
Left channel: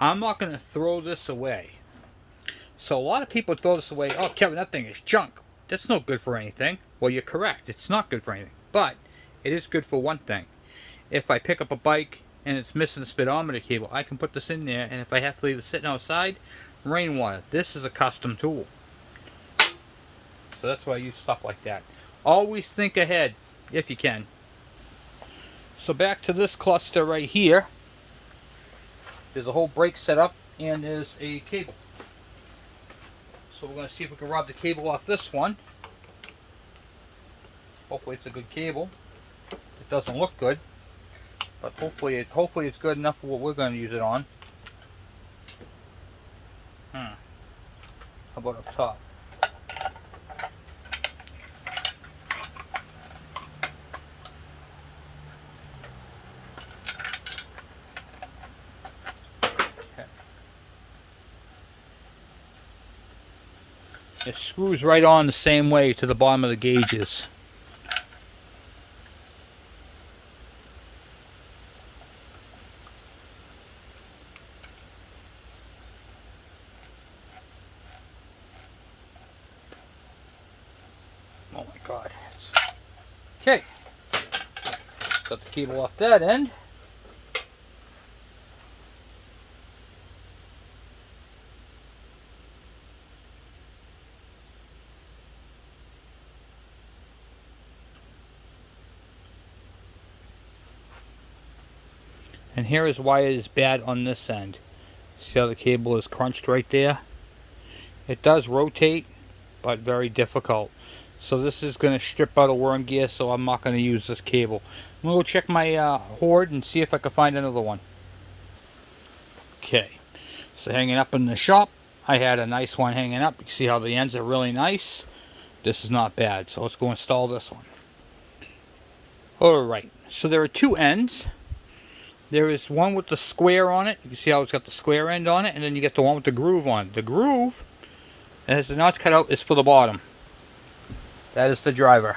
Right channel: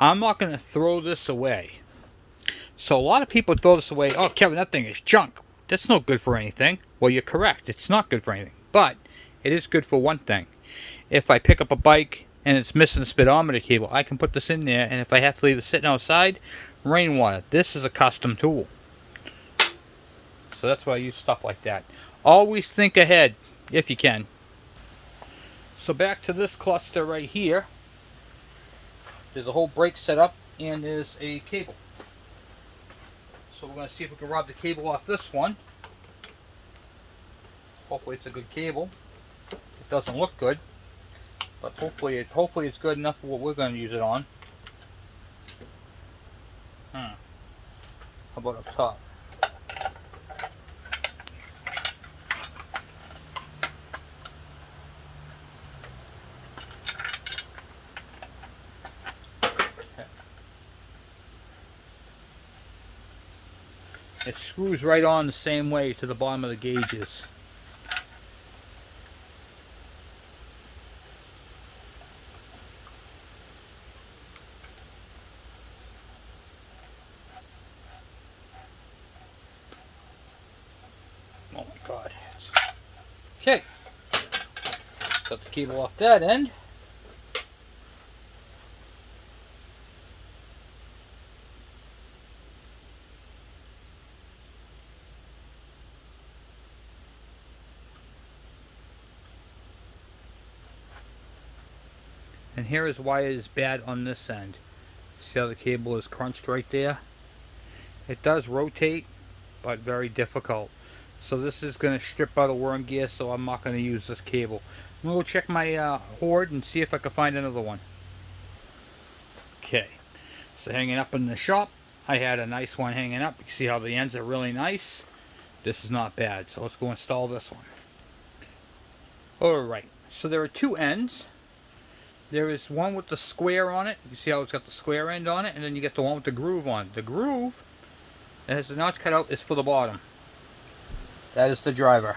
I'm not going to throw this away. So a lot of people throw this away. Oh, Kevin, that thing is junk. That's no good for anything. Well, you're correct. It's not good for anything. But it is good for one thing. If I pick up a bike and it's missing the speedometer cable, I can put this in there. And if I have to leave it sitting outside, rainwater. This is a custom tool. So that's why I use stuff like that. Always think ahead if you can. So back to this cluster right here. There's a whole brake setup and there's a cable. So we're going to see if we can rob the cable off this one. Hopefully it's a good cable. It doesn't look good, but hopefully it's good enough for what we're going to use it on. How about up top? It screws right on the same way to the bottom of the gauges. Oh my God. Okay. Got the cable off that end. And here is why it is bad on this end. See how the cable is crunched right there? It does rotate, but very difficult. So this is going to strip out a worm gear, so I'm not going to use this cable. I'm going to go check my hoard and see if I can find another one. Okay, so hanging up in the shop, I had a nice one hanging up. You can see how the ends are really nice. This is not bad, so let's go install this one. Alright, so there are two ends. There is one with the square on it. You can see how it's got the square end on it, and then you get the one with the groove on it. The groove that has the notch cut out is for the bottom. That is the driver.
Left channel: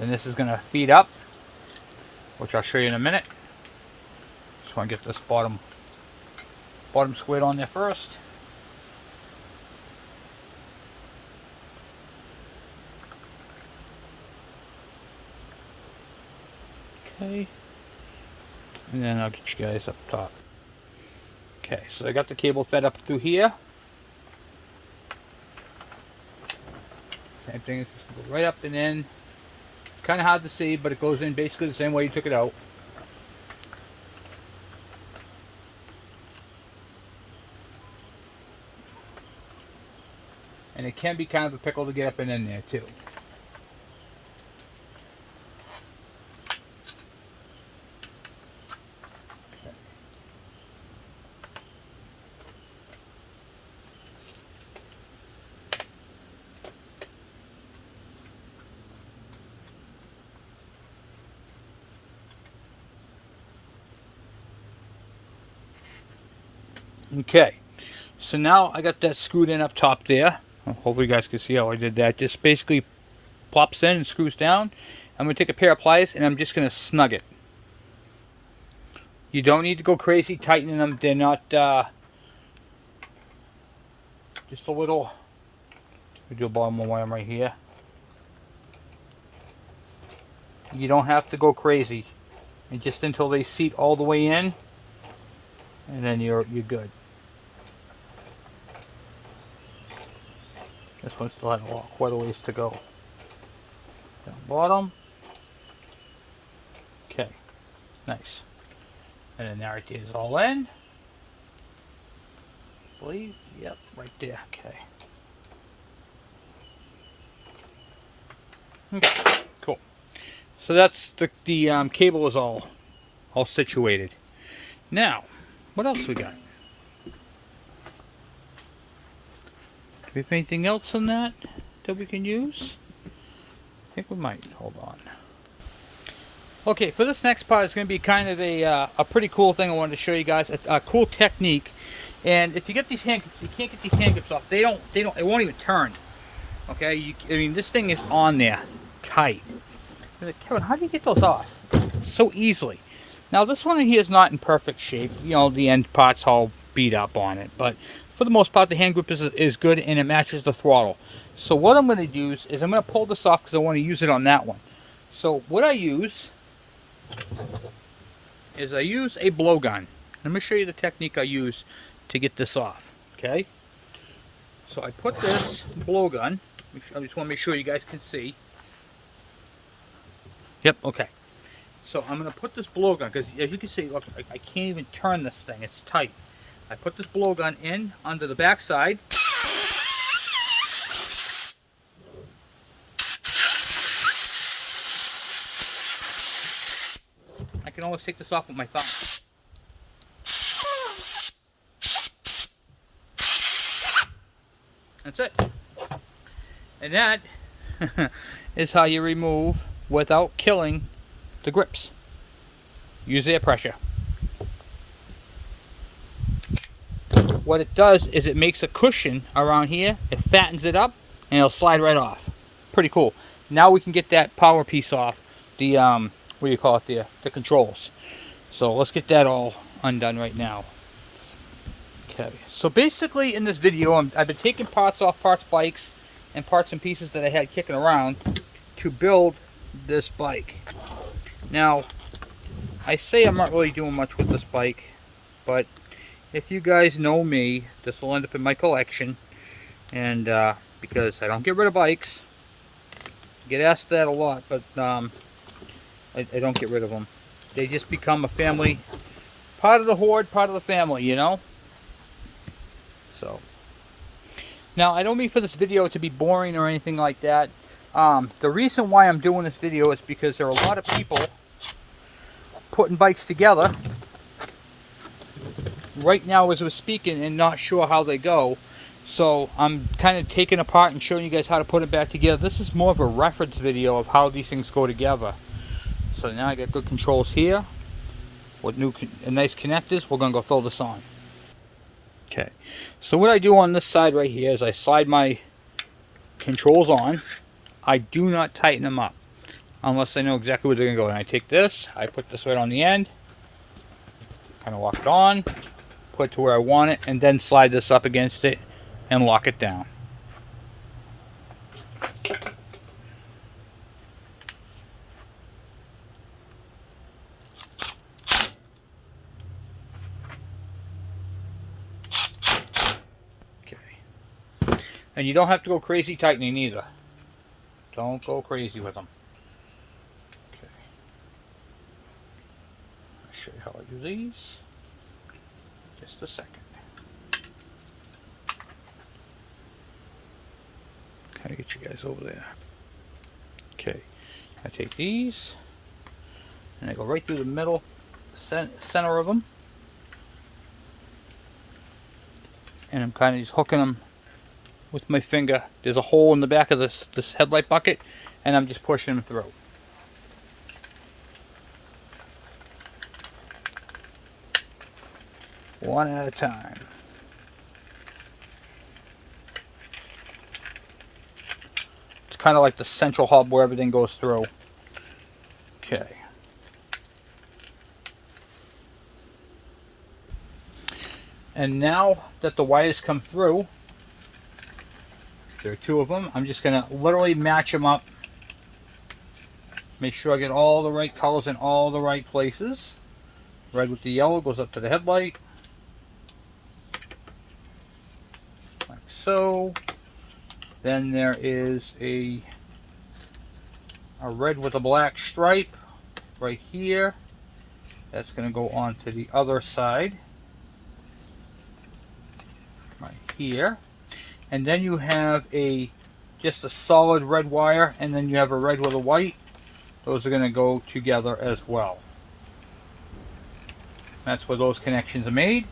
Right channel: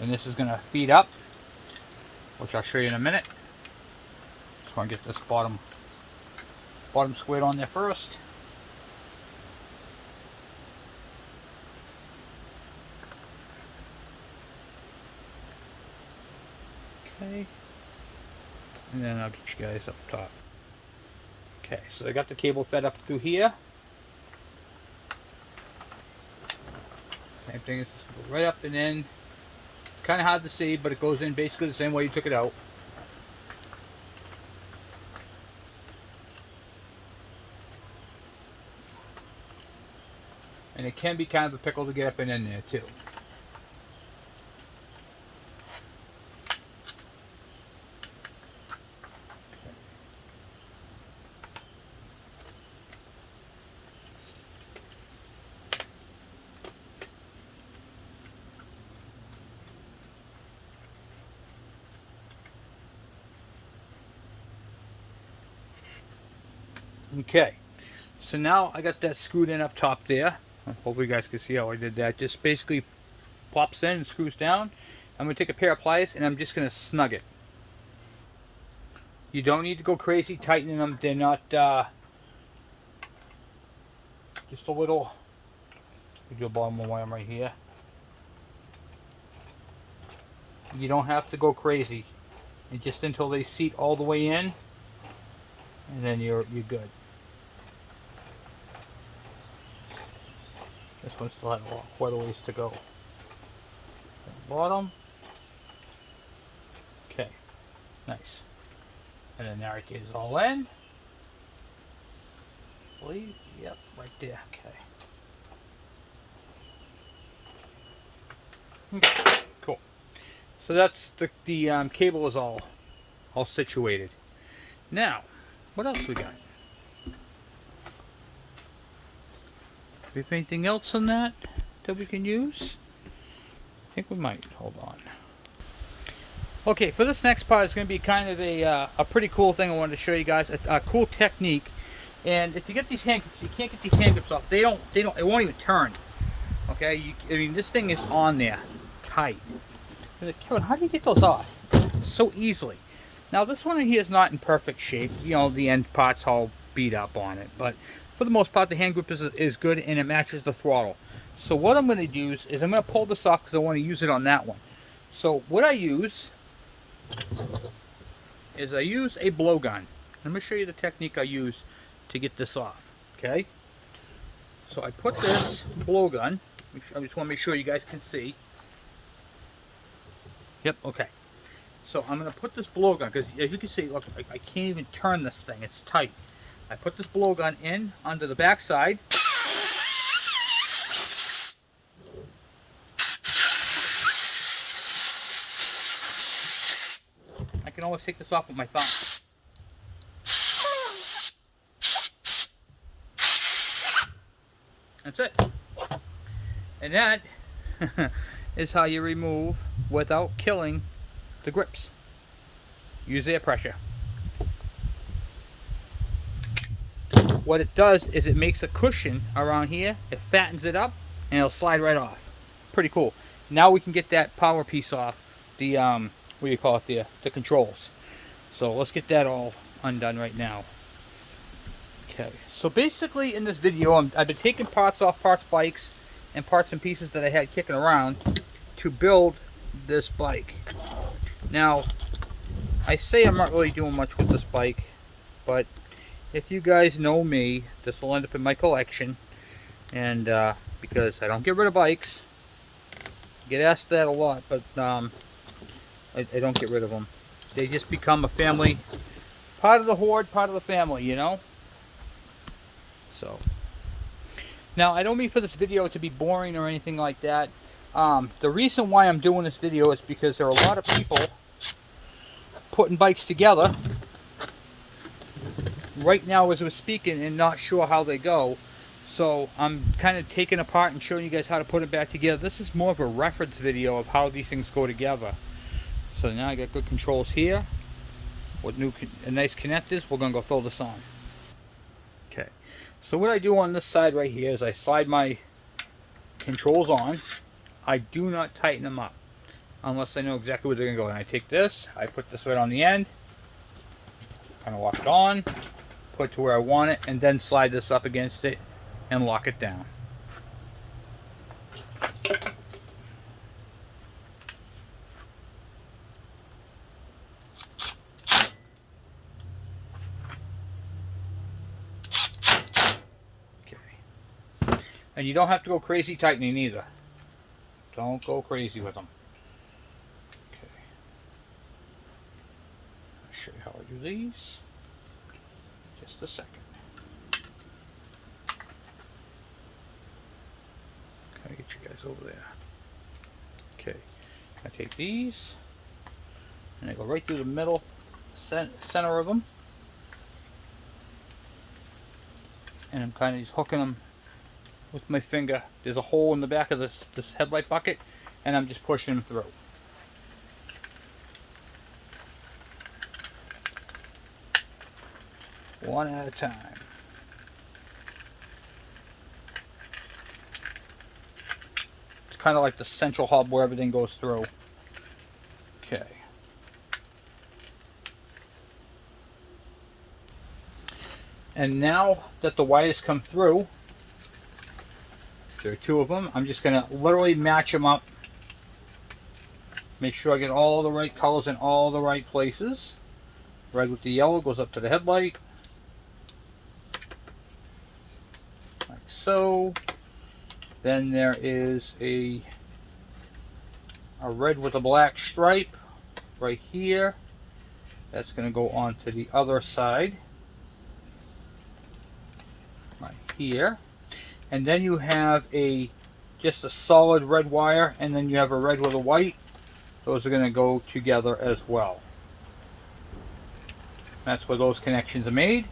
And this is going to feed up, which I'll show you in a minute. Just want to get this bottom squared on there first. Okay. And then I'll get you guys up top. Okay, so I got the cable fed up through here. Same thing, go right up and in. Kind of hard to see, but it goes in basically the same way you took it out. And it can be kind of a pickle to get up and in there too. Okay, so now I got that screwed in up top there. Hopefully you guys can see how I did that. Just basically pops in and screws down. I'm going to take a pair of pliers and I'm just going to snug it. You don't need to go crazy tightening them. They're not just a little. We do a bottom one right here. You don't have to go crazy, and just until they seat all the way in, and then you're good. This one still has quite a ways to go. Bottom. Okay, nice. And then there it is all in. I believe, yep, right there. Okay, cool. So that's the cable is all situated. Now, what else we got? Do we have anything else on that we can use? I think we might. Hold on. Okay, for this next part, it's going to be kind of a pretty cool thing I wanted to show you guys. A cool technique. And if you get these hand grips, you can't get these hand grips off. It won't even turn. Okay, I mean, this thing is on there, tight. Kevin, how do you get those off? So easily. Now, this one here is not in perfect shape. You know, the end part's all beat up on it. But for the most part, the hand grip is good, and it matches the throttle. So what I'm going to use is I'm going to pull this off because I want to use it on that one. So what I use is I use a blowgun. Let me show you the technique I use to get this off. Okay? So I put this blowgun, which I just want to make sure you guys can see. Yep, okay. So I'm going to put this blowgun, because as you can see, look, I can't even turn this thing. It's tight. I put this blowgun in under the back side. I can almost take this off with my thumb. That's it. And that is how you remove without killing the grips. Use air pressure. What it does is it makes a cushion around here, it fattens it up, and it'll slide right off. Pretty cool. Now we can get that power piece off, the what do you call it, the controls. So let's get that all undone right now. Okay, so basically in this video, I've been taking parts off bikes and parts and pieces that I had kicking around to build this bike. Now, I say I'm not really doing much with this bike, but if you guys know me, this will end up in my collection. And because I don't get rid of bikes. I get asked that a lot, but I don't get rid of them. They just become a family, part of the horde, part of the family, you know? So, now I don't mean for this video to be boring or anything like that. The reason why I'm doing this video is because there are a lot of people putting bikes together right now as we're speaking and not sure how they go. So I'm kind of taking apart and showing you guys how to put it back together. This is more of a reference video of how these things go together. So now I got good controls here with nice connectors. We're going to go throw this on. Okay, so what I do on this side right here is I slide my controls on. I do not tighten them up unless I know exactly where they're going to go. And I take this, I put this right on the end, kind of lock it on, put it to where I want it, and then slide this up against it and lock it down. Okay. And you don't have to go crazy tightening either. Don't go crazy with them. Okay. I'll show you how I do these. Just a second. Kind of get you guys over there. Okay. I take these and I go right through the middle, center of them. And I'm kind of just hooking them with my finger. There's a hole in the back of this headlight bucket, and I'm just pushing them through. One at a time. It's kind of like the central hub where everything goes through. Okay. And now that the wires come through, there are two of them, I'm just going to literally match them up. Make sure I get all the right colors in all the right places. Red with the yellow goes up to the headlight. Like so. Then there is a red with a black stripe right here. That's going to go on to the other side. Right here. And then you have just a solid red wire, and then you have a red with a white. Those are going to go together as well. That's where those connections are made.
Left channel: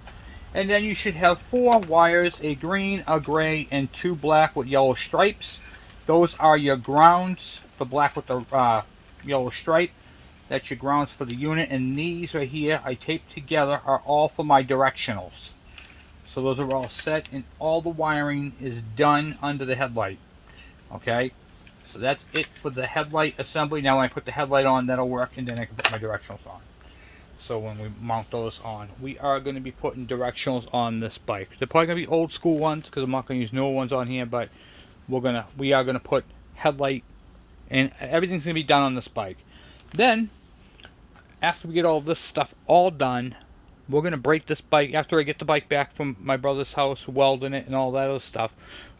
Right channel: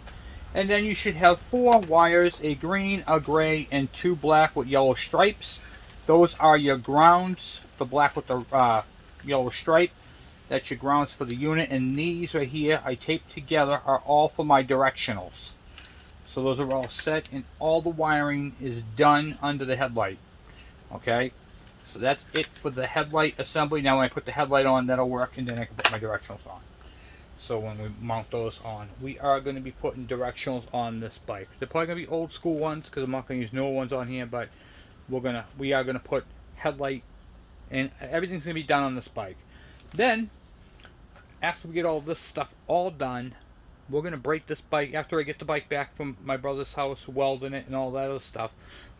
And then you should have 4 wires, a green, a gray, and 2 black with yellow stripes. Those are your grounds. The black with the yellow stripe, that's your grounds for the unit. And these right here I taped together are all for my directionals. So those are all set, and all the wiring is done under the headlight. Okay, so that's it for the headlight assembly. Now when I put the headlight on, that'll work, and then I can put my directionals on. So when we mount those on, we are going to be putting directionals on this bike. They're probably going to be old school ones because I'm not going to use newer ones on here, but we are going to put headlight, and everything's going to be done on this bike. Then, after we get all this stuff all done, we're going to break this bike. After I get the bike back from my brother's house, welding it and all that other stuff,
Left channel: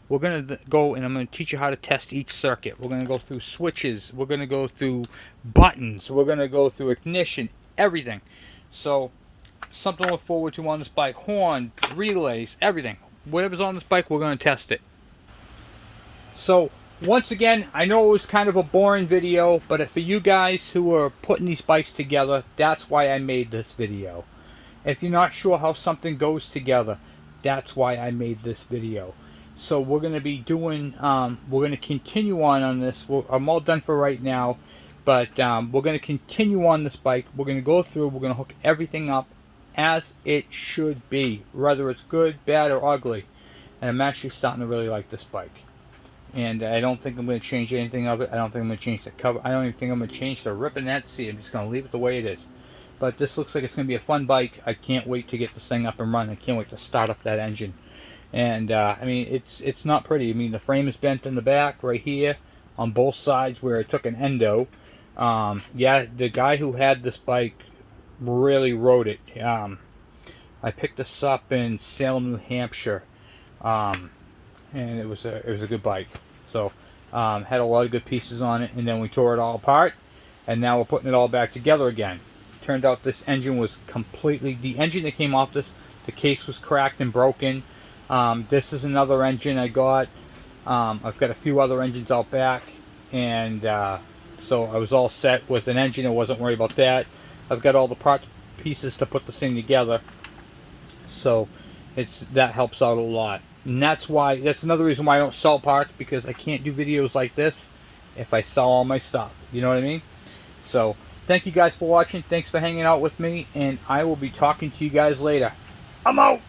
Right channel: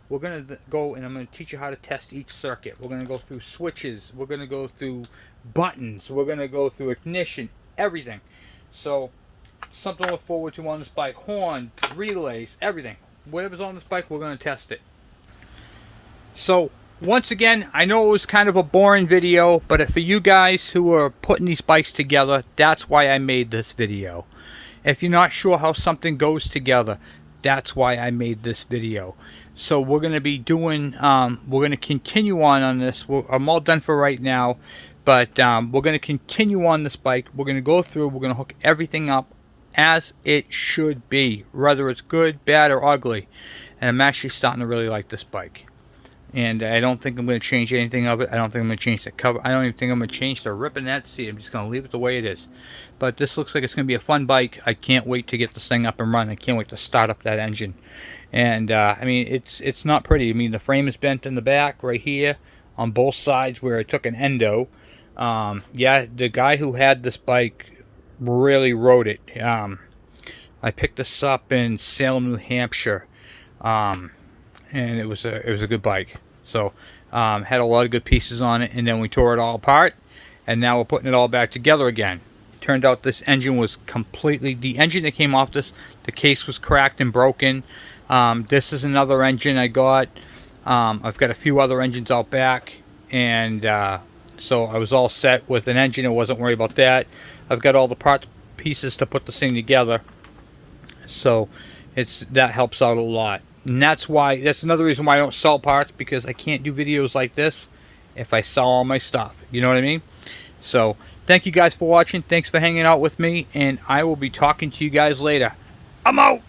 we're going to go and I'm going to teach you how to test each circuit. We're going to go through switches. We're going to go through buttons. We're going to go through ignition, everything. So, something to look forward to on this bike. Horn, relays, everything. Whatever's on this bike, we're going to test it. So, once again, I know it was kind of a boring video, but for you guys who are putting these bikes together, that's why I made this video. If you're not sure how something goes together, that's why I made this video. So we're going to be doing, we're going to continue on this. I'm all done for right now, but we're going to continue on this bike. We're going to go through, we're going to hook everything up as it should be, whether it's good, bad, or ugly. And I'm actually starting to really like this bike. And I don't think I'm going to change anything of it. I don't think I'm going to change the cover. I don't even think I'm going to change the rip in that seat. I'm just going to leave it the way it is. But this looks like it's going to be a fun bike. I can't wait to get this thing up and running. I can't wait to start up that engine. And I mean, it's not pretty. I mean, the frame is bent in the back right here on both sides where it took an endo. Yeah, the guy who had this bike really rode it. I picked this up in Salem, New Hampshire. and it was a good bike. So had a lot of good pieces on it, and then we tore it all apart, and now we're putting it all back together again. Turned out this engine was completely, the engine that came off this, the case was cracked and broken. This is another engine I got. I've got a few other engines out back, and so I was all set with an engine. I wasn't worried about that. I've got all the parts pieces to put this thing together, so that helps out a lot. And that's another reason why I don't sell parts, because I can't do videos like this if I sell all my stuff. You know what I mean? So thank you guys for watching. Thanks for hanging out with me, and I will be talking to you guys later. I'm out.